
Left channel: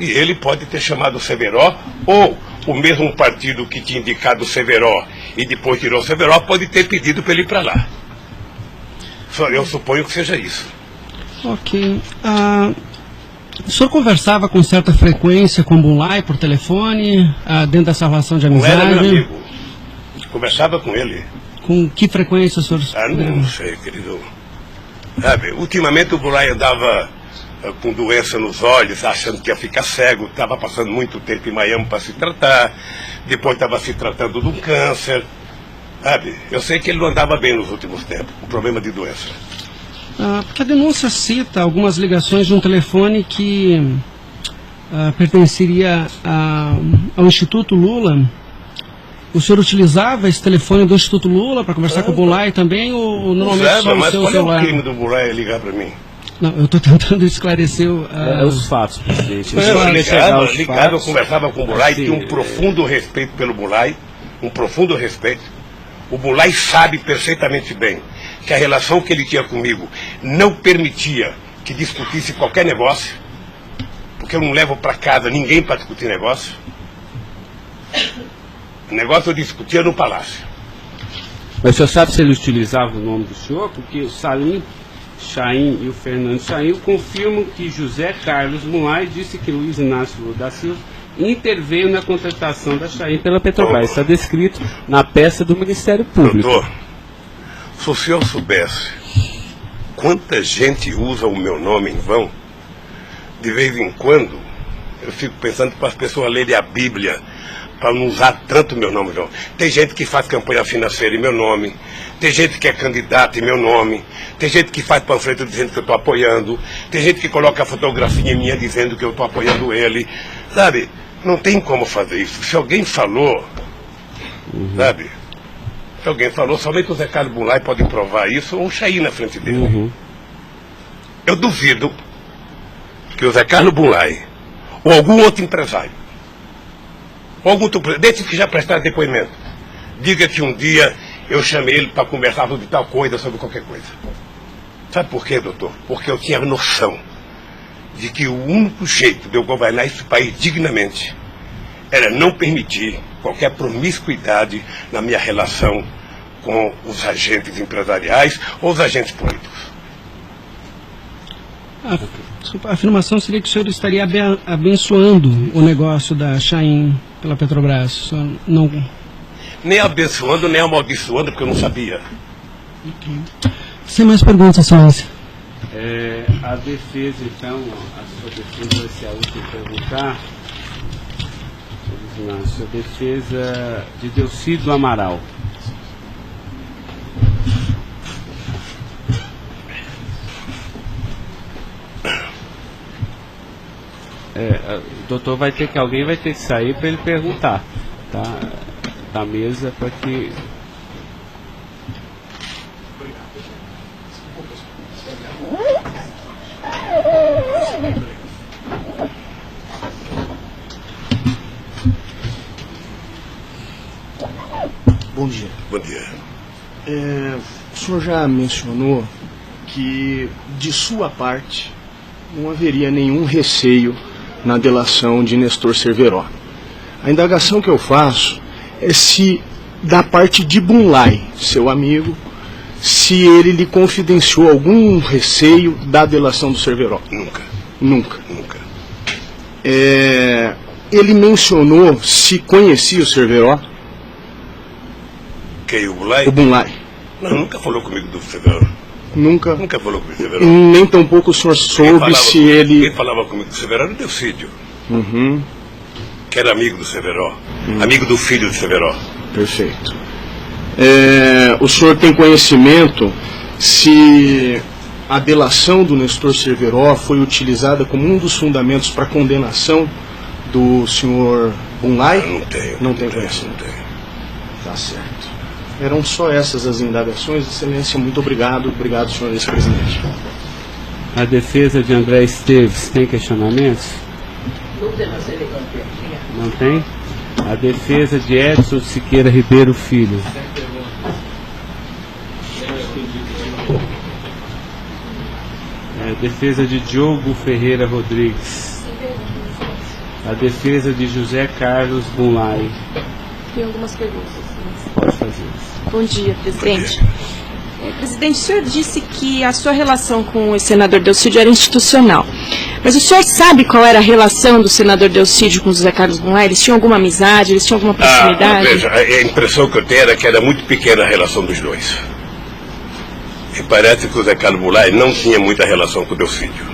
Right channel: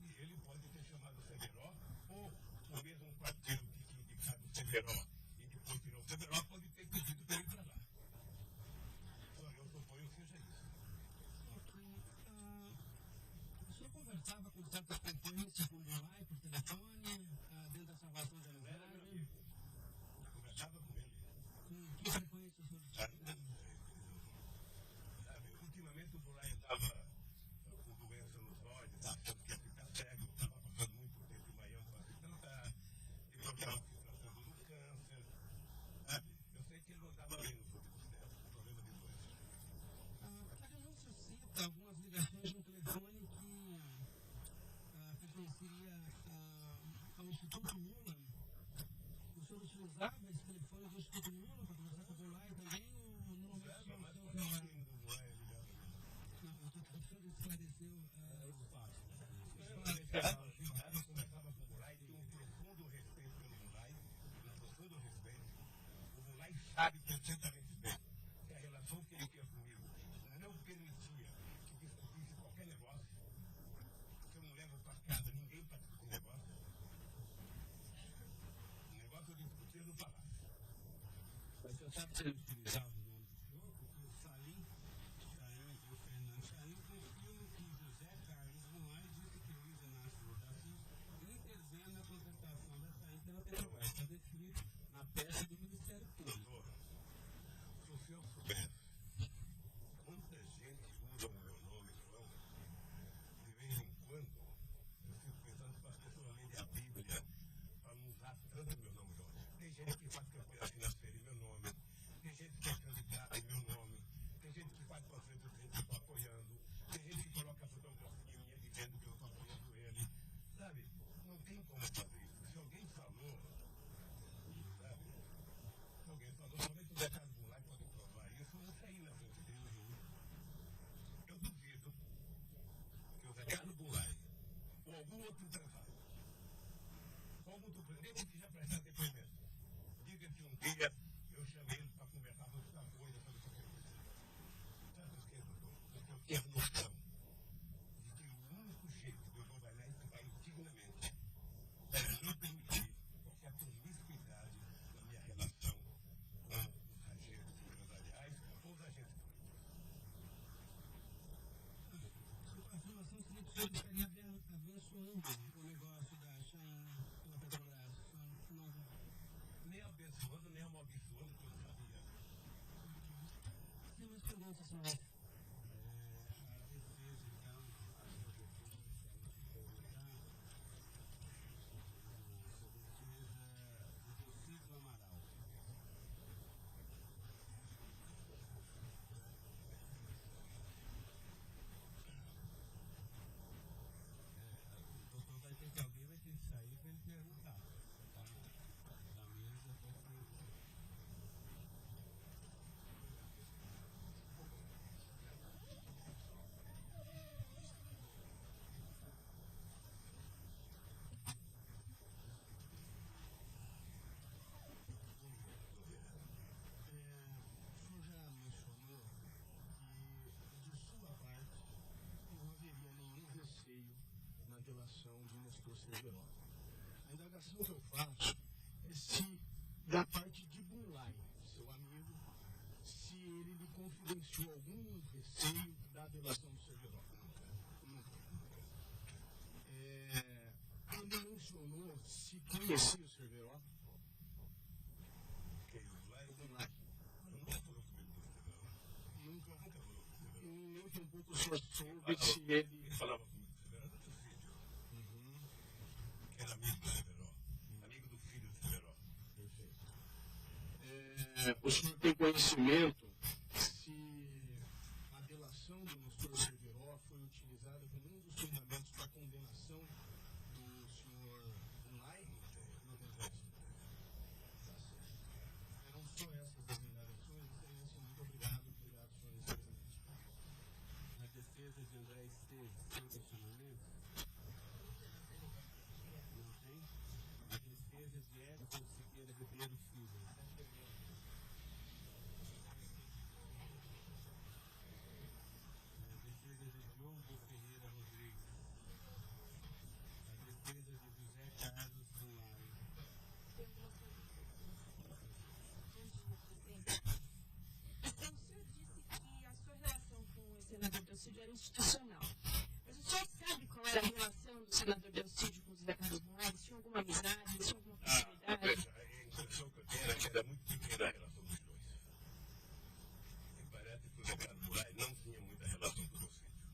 E ele pode ter chamado o Cerveró, ou o mesmo partido que tinha indicado o Cerveró e depois tirou o Cerveró pode ter pedido para ele ir para lá. Eu suponho que seja isso. Ok. O senhor conversava com certa frequência com o Bulay por telefone, dentro dessa relação de amizade? Não era meu amigo. Conversava com ele. Com que frequência o senhor... Não sei, querido. Sabe, ultimamente o Bulay andava com doença nos olhos, achando que ia ficar cego, estava passando muito tempo em Miami para se tratar, depois estava se tratando de um câncer. Sabe, eu sei que ele não andava bem nos últimos tempos, com problema de doença. Porque a denúncia cita algumas ligações de um telefone que pertenceria ao Instituto Lula. O senhor utilizava esse telefone do Instituto Lula para conversar com o Bulay também, ou normalmente só no seu celular? Mas qual é o crime do Bulay ligar para mim? Não, eu estou tentando esclarecer os fatos, presidente. Eu conversava com o Bulay, tinha um profundo respeito pelo Bulay, um profundo respeito. O Bulay sabe perfeitamente bem que a relação que ele tinha comigo não permitia que discutisse qualquer negócio, porque eu não levo para casa ninguém para discutir negócio. O negócio eu discutia no palácio. Mas o senhor sabe se ele utilizava o nome do senhor? Porque o Salim Chain e o Fernando Chain confirmam que José Carlos Mulay disse que Luiz Inácio Lula da Silva interveio na contratação da Chain pela Petrobras. Está descrito na peça do Ministério Público. Doutor, se o senhor soubesse quanta gente usa o meu nome em vão, de vez em quando eu fico pensando para as pessoas lerem a Bíblia para não usar tanto meu nome, não. Tem gente que faz campanha financeira em meu nome, tem gente que é candidato em meu nome, tem gente que faz panfleto dizendo que eu estou apoiando, tem gente que coloca a fotografia minha dizendo que eu estou apoiando ele, sabe? Não tem como fazer isso. Se alguém falou, sabe? Se alguém falou, somente o Zé Carlos Bunlai pode provar isso, ou o Chaí na frente dele. Eu duvido que o Zé Carlos Bunlai, ou algum outro empresário, ou algum desses que já prestaram depoimento, diga que um dia eu chamei ele para conversar sobre tal coisa, sobre qualquer coisa. Sabe por quê, doutor? Porque eu tinha noção de que o único jeito de eu governar esse país dignamente era não permitir qualquer promiscuidade na minha relação com os agentes empresariais ou os agentes políticos. A afirmação seria que o senhor estaria abençoando o negócio da Chaim pela Petrobras. O senhor não... Nem abençoando, nem amaldiçoando, porque eu não sabia. Sem mais perguntas, excelência. A defesa, então, a sua defesa vai ser a última a perguntar. A sua defesa de Delcídio Amaral. Doutor, alguém vai ter que sair para ele perguntar, tá? Da mesa para que... Bom dia. Bom dia. O senhor já mencionou que, de sua parte, não haveria nenhum receio na delação de Nestor Cerveró. A indagação que eu faço é se, da parte de Bunlai, seu amigo, se ele lhe confidenciou algum receio da delação do Cerveró. Nunca. Nunca. Nunca. Ele mencionou se conhecia o Cerveró? Quem, o Bunlai? O Bunlai. Não, nunca falou comigo do Cerveró. Nunca? Nunca falou comigo do Cerveró. Nem tampouco o senhor soube se ele... Quem falava comigo do Cerveró era o Delcídio. Uhum. Que era amigo do Cerveró. Amigo do filho do Cerveró. Perfeito. O senhor tem conhecimento se a delação do Nestor Cerveró foi utilizada como um dos fundamentos para a condenação do senhor Bunlai? Não tenho. Não tem conhecimento. Não tenho. Tá certo. Eram só essas as indagações. Excelência, muito obrigado. Obrigado, senhor vice-presidente. A defesa de André Esteves tem questionamentos? Não tem? A defesa de Edson Siqueira Ribeiro Filho. A defesa de Diogo Ferreira Rodrigues. A defesa de José Carlos Bunlai. Tem algumas perguntas. Pode fazer isso. Bom dia, presidente. Presidente, o senhor disse que a sua relação com o senador Delcídio era institucional. Mas o senhor sabe qual era a relação do senador Delcídio com o José Carlos Bunlai? Eles tinham alguma amizade? Eles tinham alguma proximidade? Veja, a impressão que eu tenho era que era muito pequena a relação dos dois. E parece que o José Carlos Bunlai não tinha muita relação com o Delcídio.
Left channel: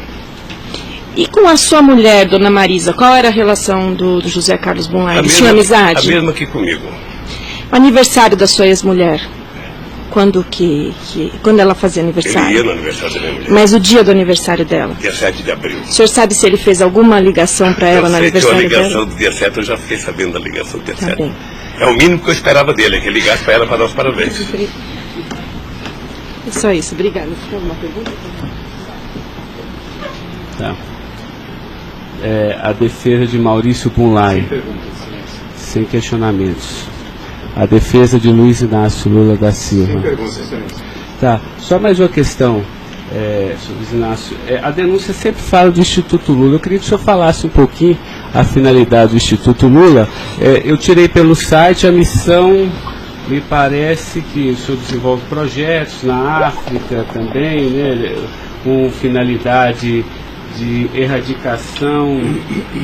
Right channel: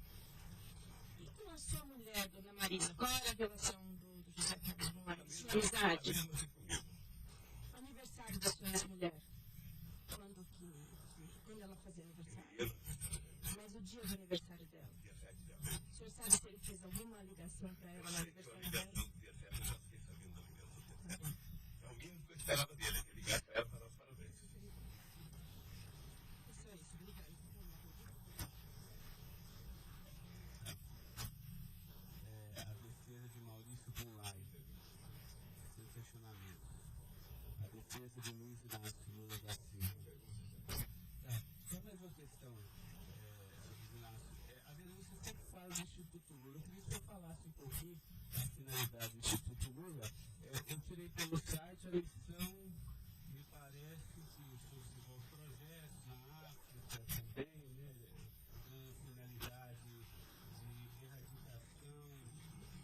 E com a sua mulher, dona Marisa, qual era a relação do José Carlos Bunlai? Eles tinham amizade? A mesma que comigo. O aniversário da sua ex-mulher? Quando ela fazia aniversário? Ele ia no aniversário da minha mulher. Mas o dia do aniversário dela? Dia 7 de abril. O senhor sabe se ele fez alguma ligação para ela no aniversário dela? A ligação do dia 7, eu já fiquei sabendo da ligação do dia 7. Bem. É o mínimo que eu esperava dele, que ele ligasse para ela para dar os parabéns. É só isso, obrigada. Tem alguma pergunta? Tá. A defesa de Maurício Bunlai. Sem questionamentos. A defesa de Luiz Inácio Lula da Silva. Sem perguntas, excelência. Tá. Só mais uma questão, senhor Luiz Inácio. A denúncia sempre fala do Instituto Lula. Eu queria que o senhor falasse um pouquinho a finalidade do Instituto Lula. Eu tirei pelo site a missão. Me parece que o senhor desenvolve projetos na África também, né, com finalidade de erradicação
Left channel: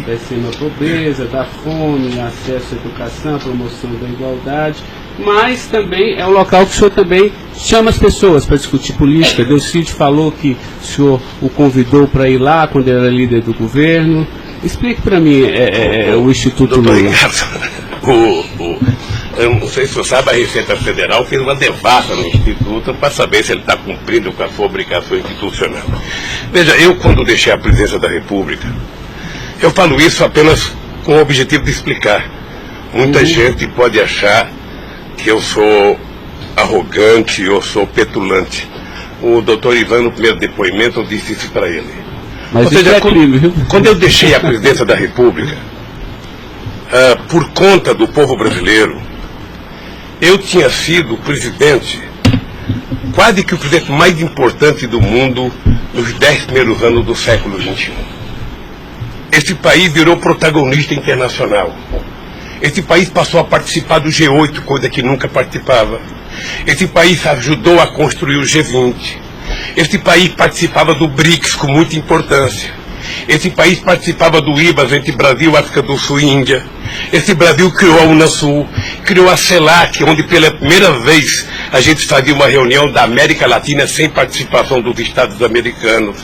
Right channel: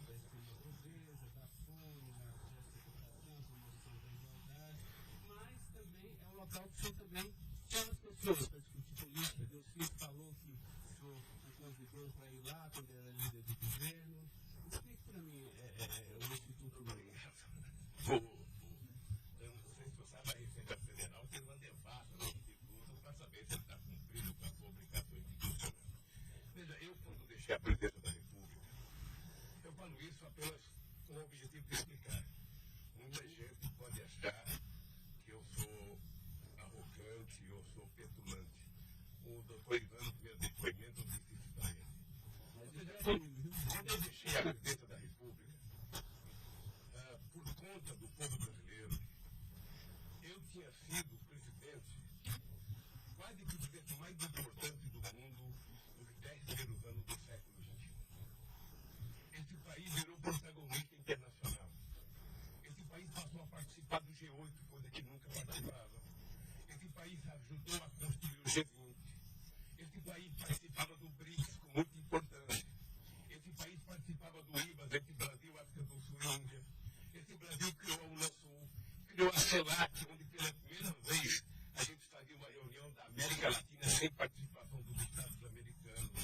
da extrema pobreza, da fome, acesso à educação, promoção da igualdade, mas também é um local que o senhor também chama as pessoas para discutir política. Delcídio falou que o senhor o convidou para ir lá quando ele era líder do governo. Explique para mim o Instituto Lula. Eu não sei se você sabe, a Receita Federal fez uma devassa no Instituto para saber se ele está cumprindo com a sua obrigação institucional. Veja, eu quando deixei a presidência da República, eu falo isso apenas com o objetivo de explicar. Muita gente pode achar que eu sou arrogante, eu sou petulante. O doutor Ivan, no primeiro depoimento, eu disse isso para ele. Mas ou seja, é crime, viu? quando eu deixei a presidência da República, por conta do povo brasileiro, eu tinha sido presidente, quase que o presidente mais importante do mundo nos 10 primeiros anos do século XXI. Esse país virou protagonista internacional. Esse país passou a participar do G8, coisa que nunca participava. Esse país ajudou a construir o G20. Esse país participava do BRICS com muita importância. Esse país participava do IBAS entre Brasil, África do Sul e Índia. Esse Brasil criou a Unasul, criou a CELAC, onde pela primeira vez a gente fazia uma reunião da América Latina sem participação dos Estados americanos.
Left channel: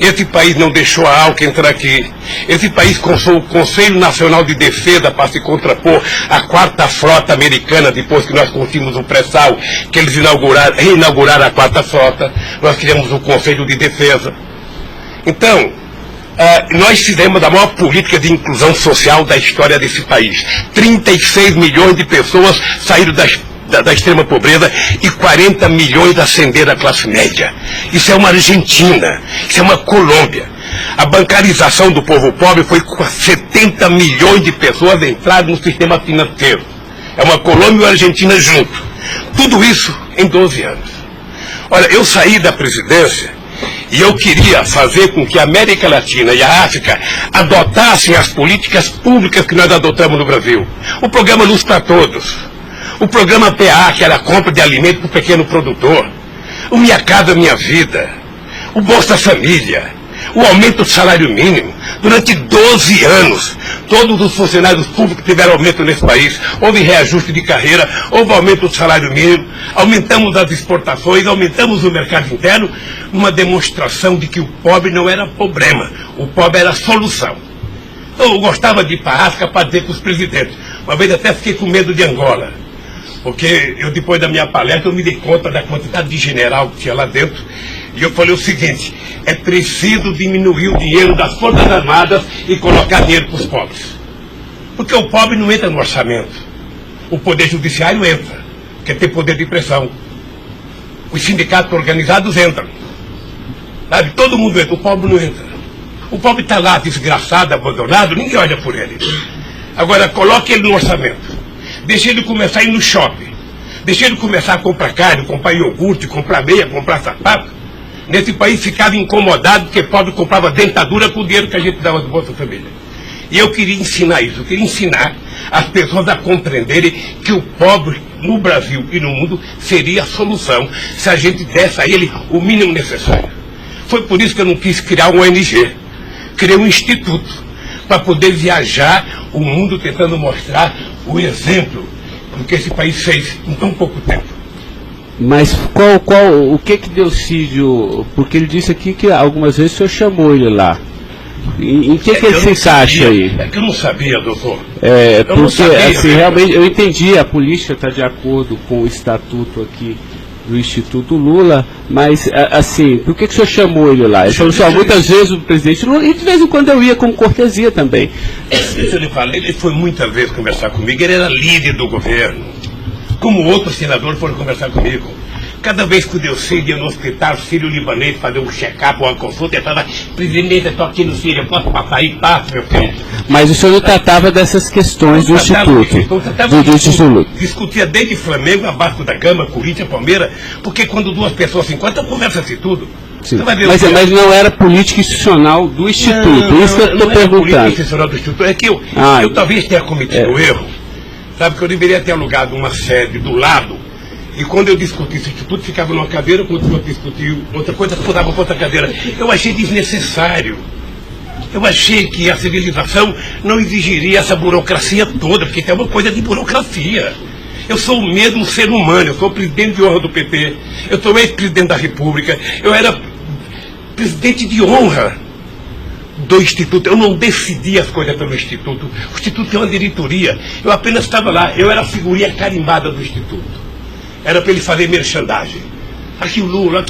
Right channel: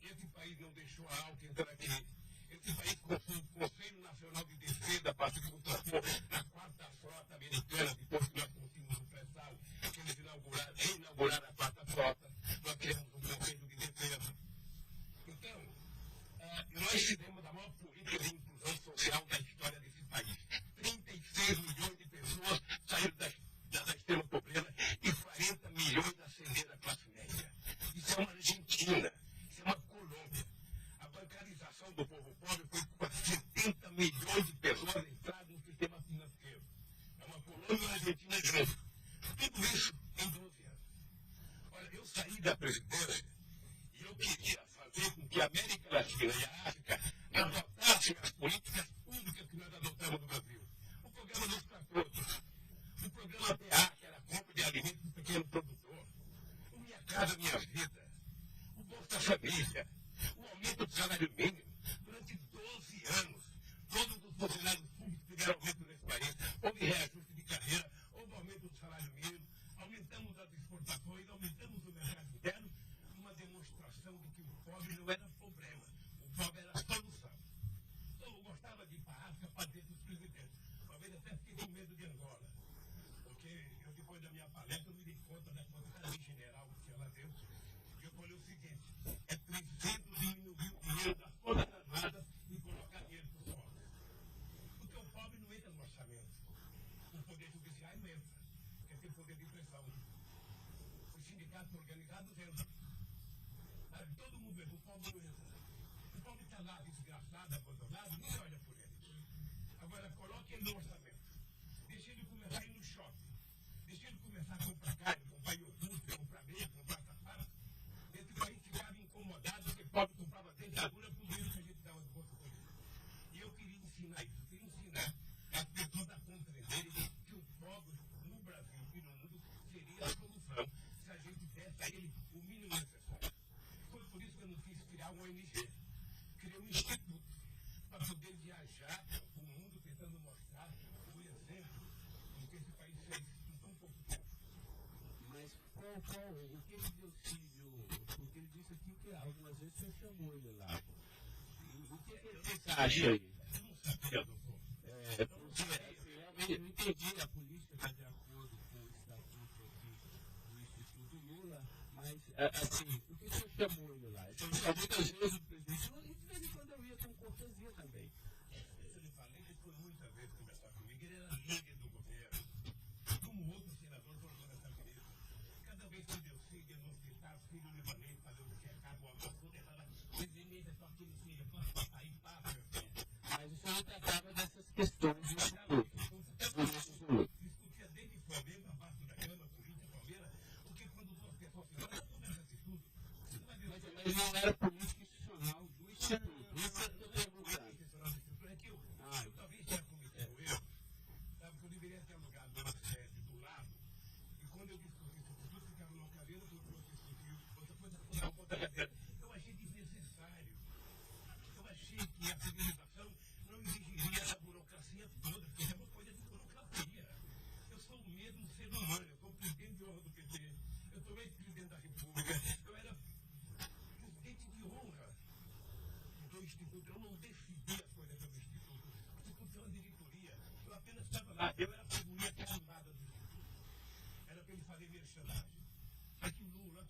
Esse país não deixou a ALCA entrar aqui. Esse país construiu o Conselho Nacional de Defesa para se contrapor à quarta frota americana, depois que nós conseguimos o pré-sal, que eles reinauguraram a quarta frota. Nós criamos o Conselho de Defesa. Então, nós fizemos a maior política de inclusão social da história desse país. 36 milhões de pessoas saíram da extrema pobreza e 40 milhões ascenderam à classe média. Isso é uma Argentina, isso é uma Colômbia. A bancarização do povo pobre foi com 70 milhões de pessoas entraram no sistema financeiro. É uma Colômbia e uma Argentina junto. Tudo isso em 12 anos. Olha, eu saí da presidência e eu queria fazer com que a América Latina e a África adotassem as políticas públicas que nós adotamos no Brasil. O programa Luz para Todos. O programa PA, que era a compra de alimento para o pequeno produtor. O Minha Casa Minha Vida. O Bolsa Família. O aumento do salário mínimo. Durante 12 anos, todos os funcionários públicos tiveram aumento nesse país. Houve reajuste de carreira, houve aumento do salário mínimo, aumentamos as exportações, aumentamos o mercado interno, uma demonstração de que o pobre não era problema, o pobre era a solução. Eu gostava de ir para a África para dizer para os presidentes. Uma vez até fiquei com medo de Angola, porque eu, depois da minha palestra, eu me dei conta da quantidade de general que tinha lá dentro. E eu falei o seguinte: é preciso diminuir o dinheiro das Forças Armadas e colocar dinheiro para os pobres. Porque o pobre não entra no orçamento. O Poder Judiciário entra, porque tem poder de pressão. Os sindicatos organizados entram. Sabe? Todo mundo entra, o pobre não entra. O pobre está lá, desgraçado, abandonado, ninguém olha por ele. Agora, coloque ele no orçamento. Deixe ele começar a ir no shopping. Deixe ele começar a comprar carne, comprar iogurte, comprar meia, comprar sapato. Nesse país ficava incomodado porque pobre comprava dentadura com o dinheiro que a gente dava do Bolsa Família. E eu queria ensinar isso, eu queria ensinar as pessoas a compreenderem que o pobre no Brasil e no mundo seria a solução se a gente desse a ele o mínimo necessário. Foi por isso que eu não quis criar um ONG, criei um instituto para poder viajar o mundo tentando mostrar o exemplo do que esse país fez em tão pouco tempo. Mas o que Delcídio, porque ele disse aqui que algumas vezes o senhor chamou ele lá. Em que ele se encaixa aí? É que eu não sabia, doutor. Porque sabia, assim, realmente, eu entendi, a política está de acordo com o estatuto aqui do Instituto Lula, mas assim, por que o senhor chamou ele lá? Ele falou assim, muitas vezes o presidente Lula, e de vez em quando eu ia com cortesia também. Deixa eu lhe falar, ele foi muitas vezes conversar comigo, ele era líder do governo. Como outros senadores foram conversar comigo. Cada vez que o Delcídio ia no hospital sírio-libanês fazer um check-up ou uma consulta, ele falava: presidente, eu estou aqui no Sírio, eu posso passar aí? Passa, meu filho. Mas o senhor não tratava dessas questões do Instituto? Discutia desde Flamengo, abaixo da Gama, Corinthians, Palmeiras, porque quando duas pessoas se encontram, conversa-se tudo. Sim. Mas não era política institucional do Instituto, isso que eu estou perguntando. Política institucional do Instituto, é que eu talvez tenha cometido erro. Sabe que eu deveria ter alugado uma sede do lado, e quando eu discuti esse instituto, ficava numa cadeira, quando eu discutia outra coisa, mudava para outra cadeira. Eu achei desnecessário. Eu achei que a civilização não exigiria essa burocracia toda, porque tem uma coisa de burocracia. Eu sou o mesmo ser humano, eu sou presidente de honra do PT, eu sou ex-presidente da República, eu era presidente de honra do Instituto. Eu não decidi as coisas pelo Instituto. O Instituto tem uma diretoria. Eu apenas estava lá. Eu era a figurinha carimbada do Instituto. Era para ele fazer merchandising. Aqui o Lula.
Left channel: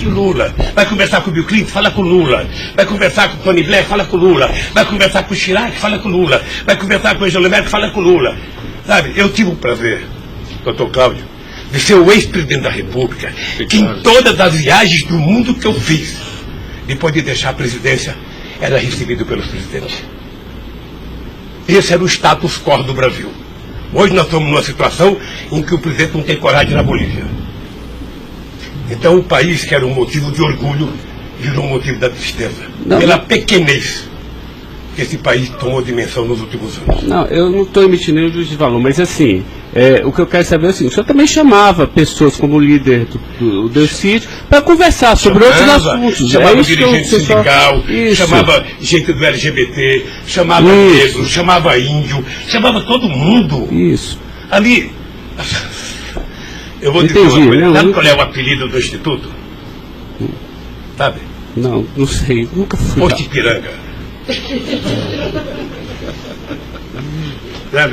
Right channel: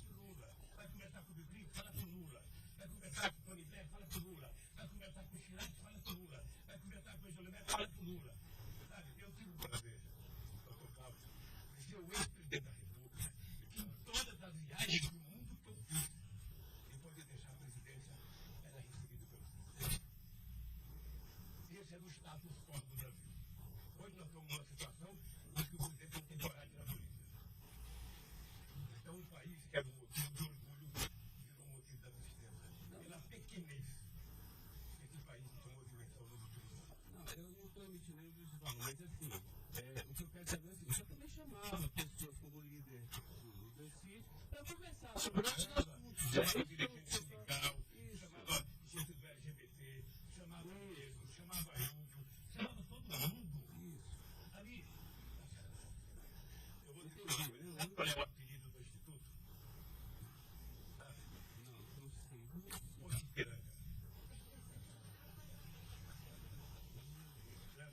Vai conversar com o Bill Clinton, fala com o Lula. Vai conversar com o Tony Blair, fala com o Lula. Vai conversar com o Chirac, fala com o Lula. Vai conversar com o Angela Merkel, fala com o Lula. Sabe, eu tive o prazer, doutor Cláudio, de ser o ex-presidente da República, que em todas as viagens do mundo que eu fiz, depois de deixar a presidência, era recebido pelos presidentes. Esse era o status quo do Brasil. Hoje nós estamos numa situação em que o presidente não tem coragem na Bolívia. Então o país, que era um motivo de orgulho, virou um motivo da tristeza. Pela pequenez que esse país tomou dimensão nos últimos anos. Não, eu não estou emitindo nenhum juízo de valor, mas assim, o que eu quero saber é assim, o senhor também chamava pessoas como o líder do Delcídio para conversar sobre outros assuntos. Chamava dirigente sindical, chamava gente do LGBT, chamava negro, chamava índio, chamava todo mundo. Isso. Ali, eu vou dizer uma coisa, sabe qual é o apelido do Instituto? Sabe? Não sei, nunca fui. Posto Ipiranga.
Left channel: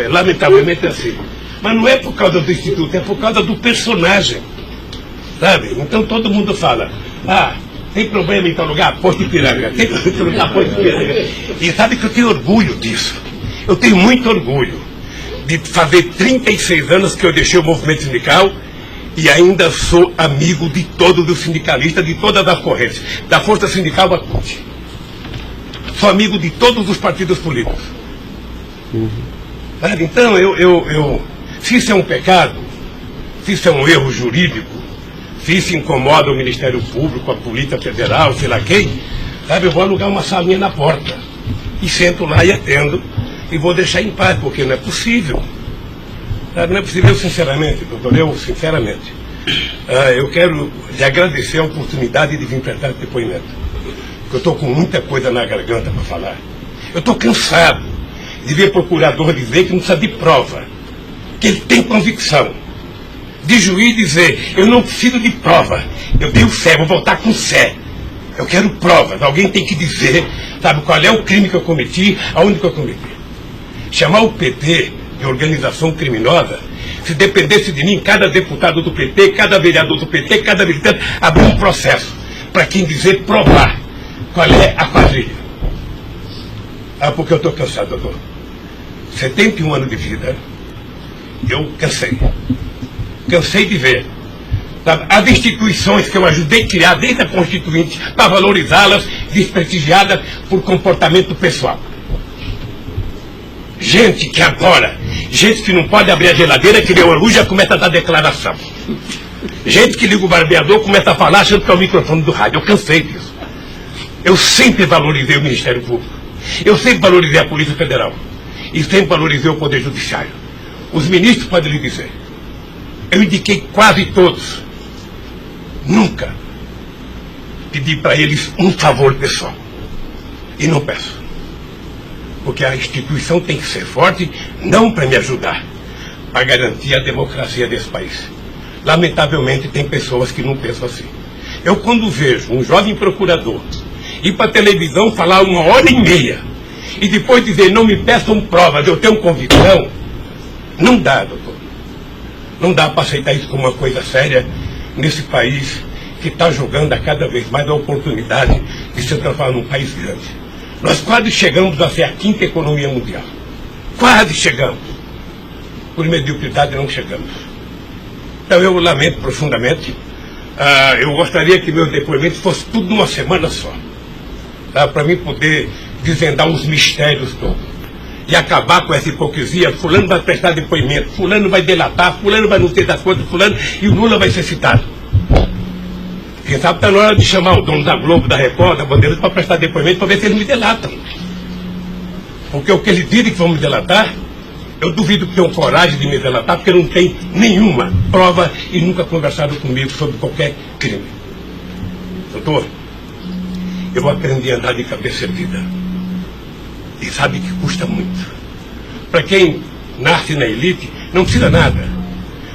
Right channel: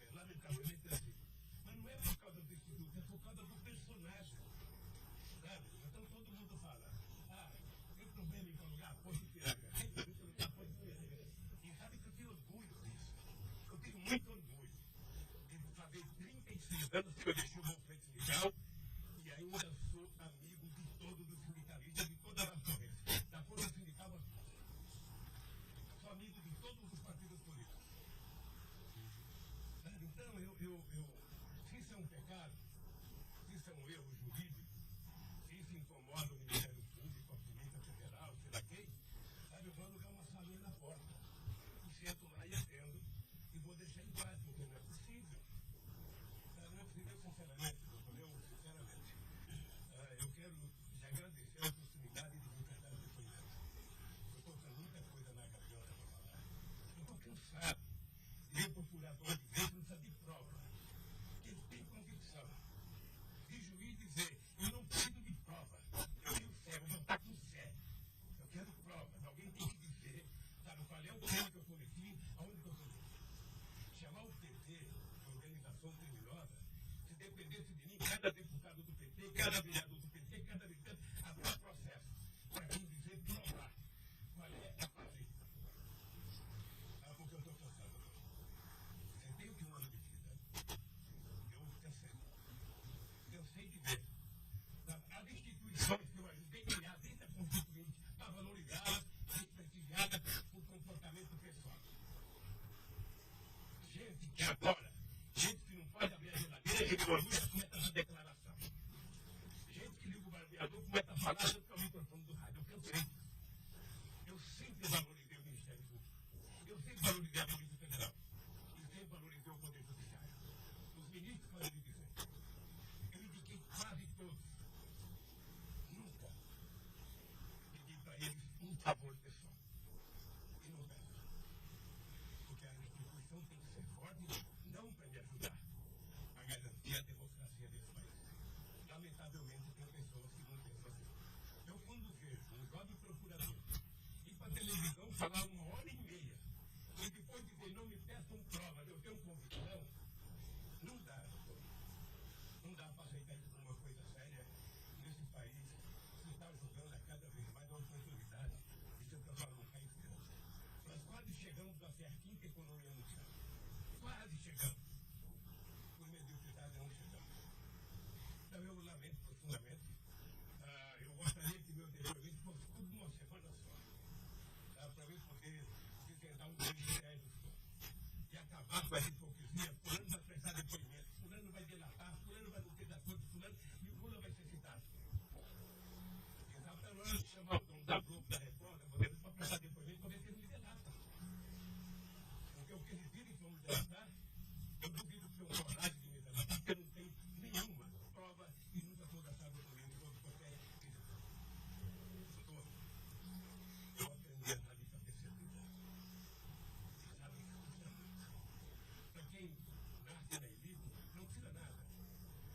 Lamentavelmente é assim. Mas não é por causa do Instituto, é por causa do personagem. Sabe? Então todo mundo fala, tem problema em tal lugar? Posto Ipiranga. Tem problema em tal lugar? Posto Ipiranga. E sabe que eu tenho orgulho disso. Eu tenho muito orgulho de fazer 36 anos que eu deixei o movimento sindical e ainda sou amigo de todos os sindicalistas, de todas as correntes, da Força Sindical à CUT. Sou amigo de todos os partidos políticos. Então, se isso é um pecado, se isso é um erro jurídico, se isso incomoda o Ministério Público, a Polícia Federal, sei lá quem, eu vou alugar uma salinha na porta e sento lá e atendo e vou deixar em paz, porque não é possível. Não é possível, sinceramente, doutor, eu quero lhe agradecer a oportunidade de vir prestar esse depoimento. Eu estou com muita coisa na garganta para falar. Eu estou cansado de ver procurador dizer que não precisa de prova, que ele tem convicção. De juiz dizer, eu não preciso de prova, eu tenho fé, vou voltar com fé. Eu quero provas, alguém tem que dizer, qual é o crime que eu cometi, aonde que eu cometi. Chamar o PT de organização criminosa, se dependesse de mim, cada deputado do PT, cada vereador do PT, cada militante, abrir um processo para quem dizer provar qual é a quadrilha. Porque eu estou cansado, doutor. 71 anos de vida, eu cansei. Cansei de ver as instituições que eu ajudei a criar desde a Constituinte para valorizá-las, desprestigiadas por comportamento pessoal. Gente que não pode abrir a geladeira, que deu a luz já começa a dar declaração. Gente que liga o barbeador, começa a falar achando que é o microfone do rádio. Eu cansei disso. Eu sempre valorizei o Ministério Público. Eu sempre valorizei a Polícia Federal. E sempre valorizei o Poder Judiciário. Os ministros podem lhe dizer. Eu indiquei quase todos. Nunca pedi para eles um favor pessoal. E não peço. Porque a instituição tem que ser forte, não para me ajudar, para garantir a democracia desse país. Lamentavelmente, tem pessoas que não pensam assim. Eu, quando vejo um jovem procurador ir para a televisão falar 1h30 e depois dizer, não me peçam provas, eu tenho convicção, não dá, doutor. Não dá para aceitar isso como uma coisa séria nesse país que está jogando a cada vez mais a oportunidade de se transformar num país grande. Nós quase chegamos a ser a 5ª economia mundial. Quase chegamos. Por mediocridade não chegamos. Então eu lamento profundamente. Eu gostaria que meu depoimento fosse tudo numa semana só. Para mim poder desvendar os mistérios todos. E acabar com essa hipocrisia. Fulano vai prestar depoimento, fulano vai delatar, fulano vai não ter das coisas, fulano, e o Lula vai ser citado. Quem sabe está na hora de chamar o dono da Globo, da Record, da Bandeirantes para prestar depoimento para ver se eles me delatam. Porque o que eles dizem que vão me delatar, eu duvido que tenham coragem de me delatar, porque não tem nenhuma prova e nunca conversaram comigo sobre qualquer crime. Doutor, eu aprendi a andar de cabeça erguida. E sabe que custa muito. Para quem nasce na elite, não precisa nada.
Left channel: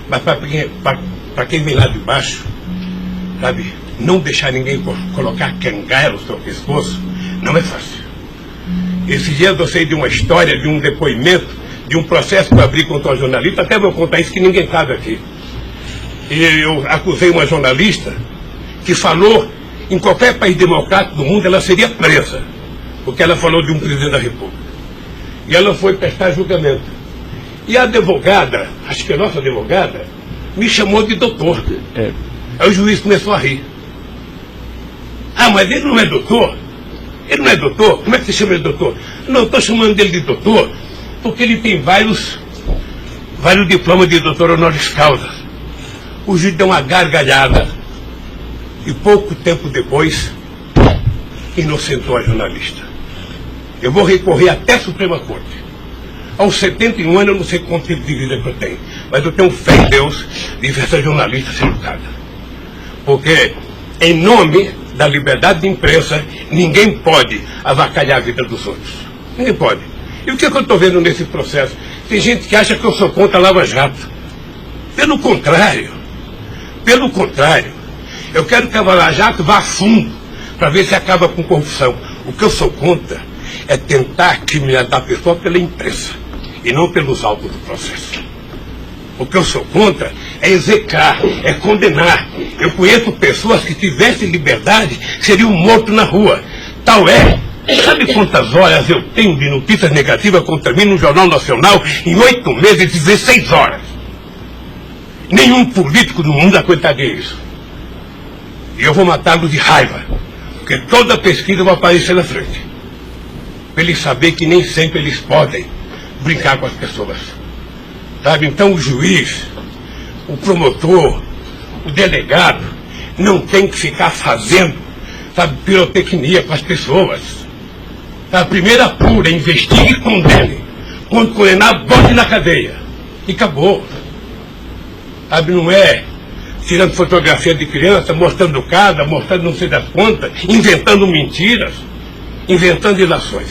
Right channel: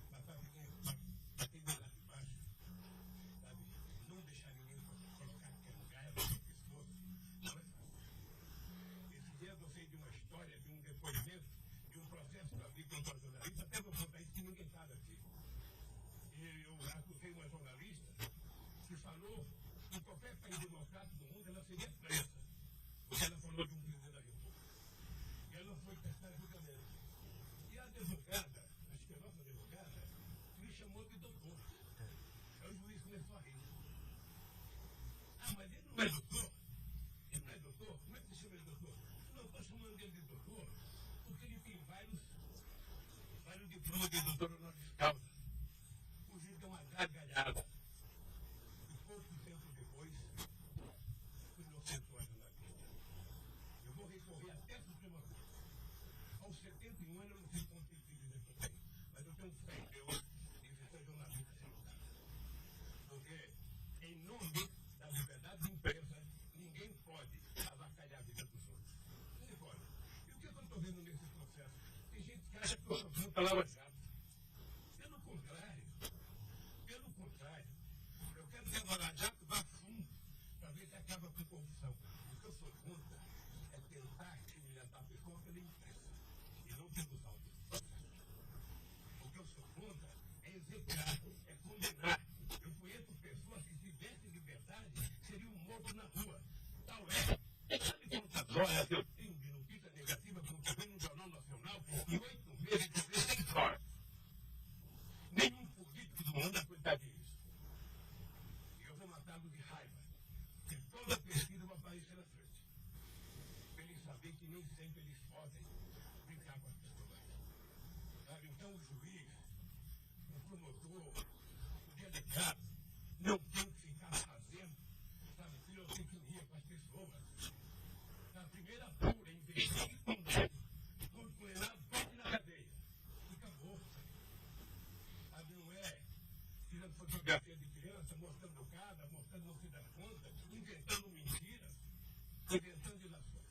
Mas para quem vem lá de baixo, sabe, não deixar ninguém colocar cangaia no seu pescoço, não é fácil. Esses dias eu sei de uma história, de um depoimento, de um processo que eu abri contra uma jornalista, até vou contar isso que ninguém sabe aqui. E eu acusei uma jornalista que falou, em qualquer país democrático do mundo, ela seria presa, porque ela falou de um presidente da República. E ela foi prestar julgamento. E a advogada, acho que a nossa advogada, me chamou de doutor. Aí o juiz começou a rir. Ah, mas ele não é doutor? Ele não é doutor? Como é que você chama ele de doutor? Não, estou chamando dele de doutor porque ele tem vários diplomas de doutor honoris causa. O juiz deu uma gargalhada e pouco tempo depois inocentou a jornalista. Eu vou recorrer até a Suprema Corte. Aos 71 anos eu não sei quanto tempo de vida que eu tenho, mas eu tenho fé em Deus de ver essa jornalista ser julgada. Porque, em nome da liberdade de imprensa, ninguém pode avacalhar a vida dos outros. Ninguém pode. E o que eu estou vendo nesse processo? Tem gente que acha que eu sou contra a Lava Jato. Pelo contrário, eu quero que a Lava Jato vá a fundo para ver se acaba com corrupção. O que eu sou contra é tentar criminalizar a pessoa pela imprensa e não pelos autos do processo. O que eu sou contra é execrar, é condenar. Eu conheço pessoas que tivessem liberdade seriam mortos na rua. Tal é. Sabe quantas horas eu tenho de notícias negativas contra mim no Jornal Nacional em 8 meses, 16 horas? Nenhum político do mundo aguentaria isso. E eu vou matá-los de raiva, porque toda pesquisa vai aparecer na frente. Para eles saberem que nem sempre eles podem brincar com as pessoas. Sabe? Então o juiz, o promotor, o delegado, não tem que ficar fazendo, sabe, pirotecnia com as pessoas. A primeira apura, investigue e condene. Quando condenar, bote na cadeia. E acabou. Sabe, não é tirando fotografia de criança, mostrando casa, mostrando não sei das quantas, inventando mentiras, inventando ilações.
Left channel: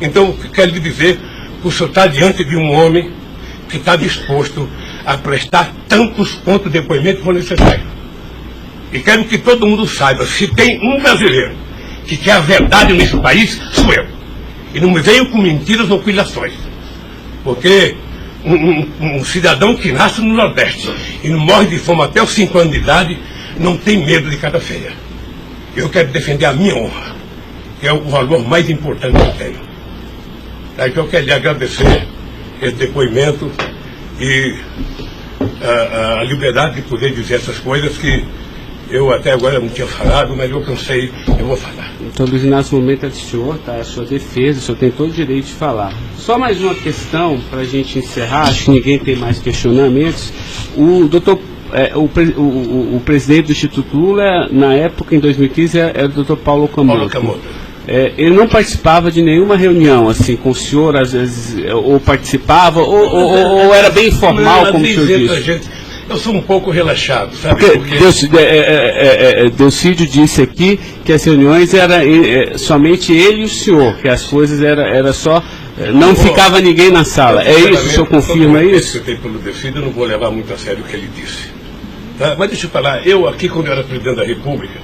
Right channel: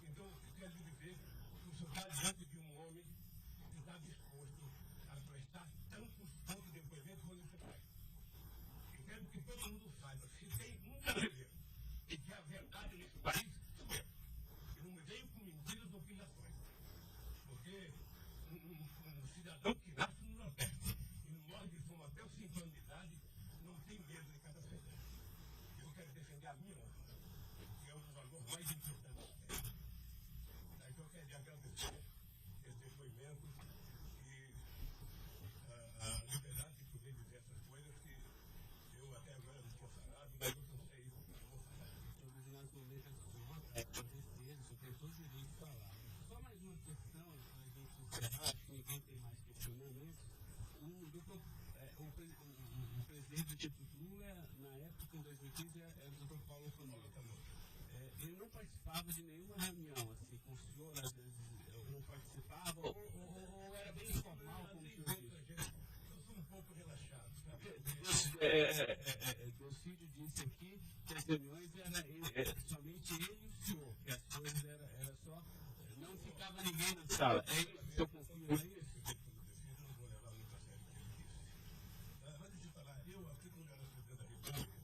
Então, quero lhe dizer que o senhor está diante de um homem que está disposto a prestar tantos quanto depoimentos for necessário. E quero que todo mundo saiba, se tem um brasileiro que quer a verdade nesse país, sou eu. E não me venham com mentiras ou com ilações. Porque um cidadão que nasce no Nordeste e não morre de fome até os 5 anos de idade, não tem medo de cara feia. Eu quero defender a minha honra, que é o valor mais importante que eu tenho. Então eu quero lhe agradecer esse depoimento e a liberdade de poder dizer essas coisas que eu até agora não tinha falado, mas eu cansei, eu vou falar. Então, Luiz Inácio, o momento é do senhor, tá? A sua defesa, o senhor tem todo o direito de falar. Só mais uma questão para a gente encerrar, acho que ninguém tem mais questionamentos. O presidente do Instituto Lula, na época, em 2015, era o doutor Paulo Camoto. Ele não participava de nenhuma reunião, assim, com o senhor, às vezes, ou participava, ou era bem informal, como o senhor disse? Eu sou um pouco relaxado, sabe? Porque... Delcídio disse aqui que as reuniões eram somente ele e o senhor, que as coisas era só... Não ficava ninguém na sala. É isso? O senhor confirma isso? Eu tenho pelo Delcídio, eu não vou levar muito a sério o que ele disse. Tá? Mas deixa eu falar, eu aqui, quando eu era presidente da República,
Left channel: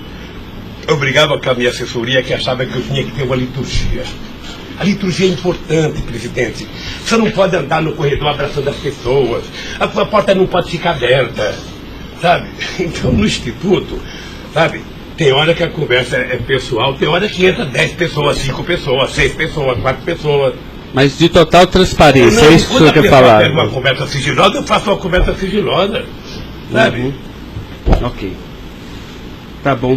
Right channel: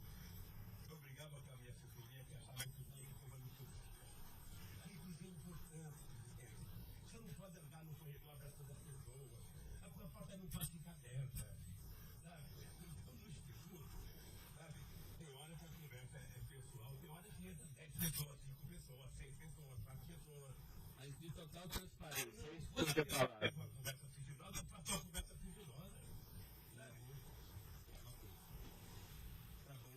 eu brigava com a minha assessoria que achava que eu tinha que ter uma liturgia. A liturgia é importante, presidente. Você não pode andar no corredor abraçando as pessoas. A porta não pode ficar aberta, sabe? Então, no Instituto, sabe, tem hora que a conversa é pessoal, tem hora que entra 10 pessoas, 5 pessoas, 6 pessoas, 4 pessoas. Mas de total transparência, é isso que o senhor quer falar? Quando uma conversa sigilosa, eu faço uma conversa sigilosa, sabe? Ok. Tá bom.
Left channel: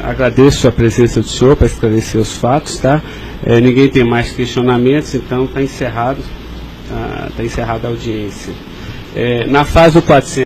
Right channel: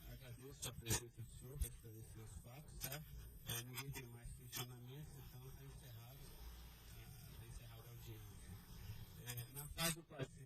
Agradeço a presença do senhor para esclarecer os fatos, tá? Ninguém tem mais questionamentos, então está encerrado a audiência. Na fase do 400...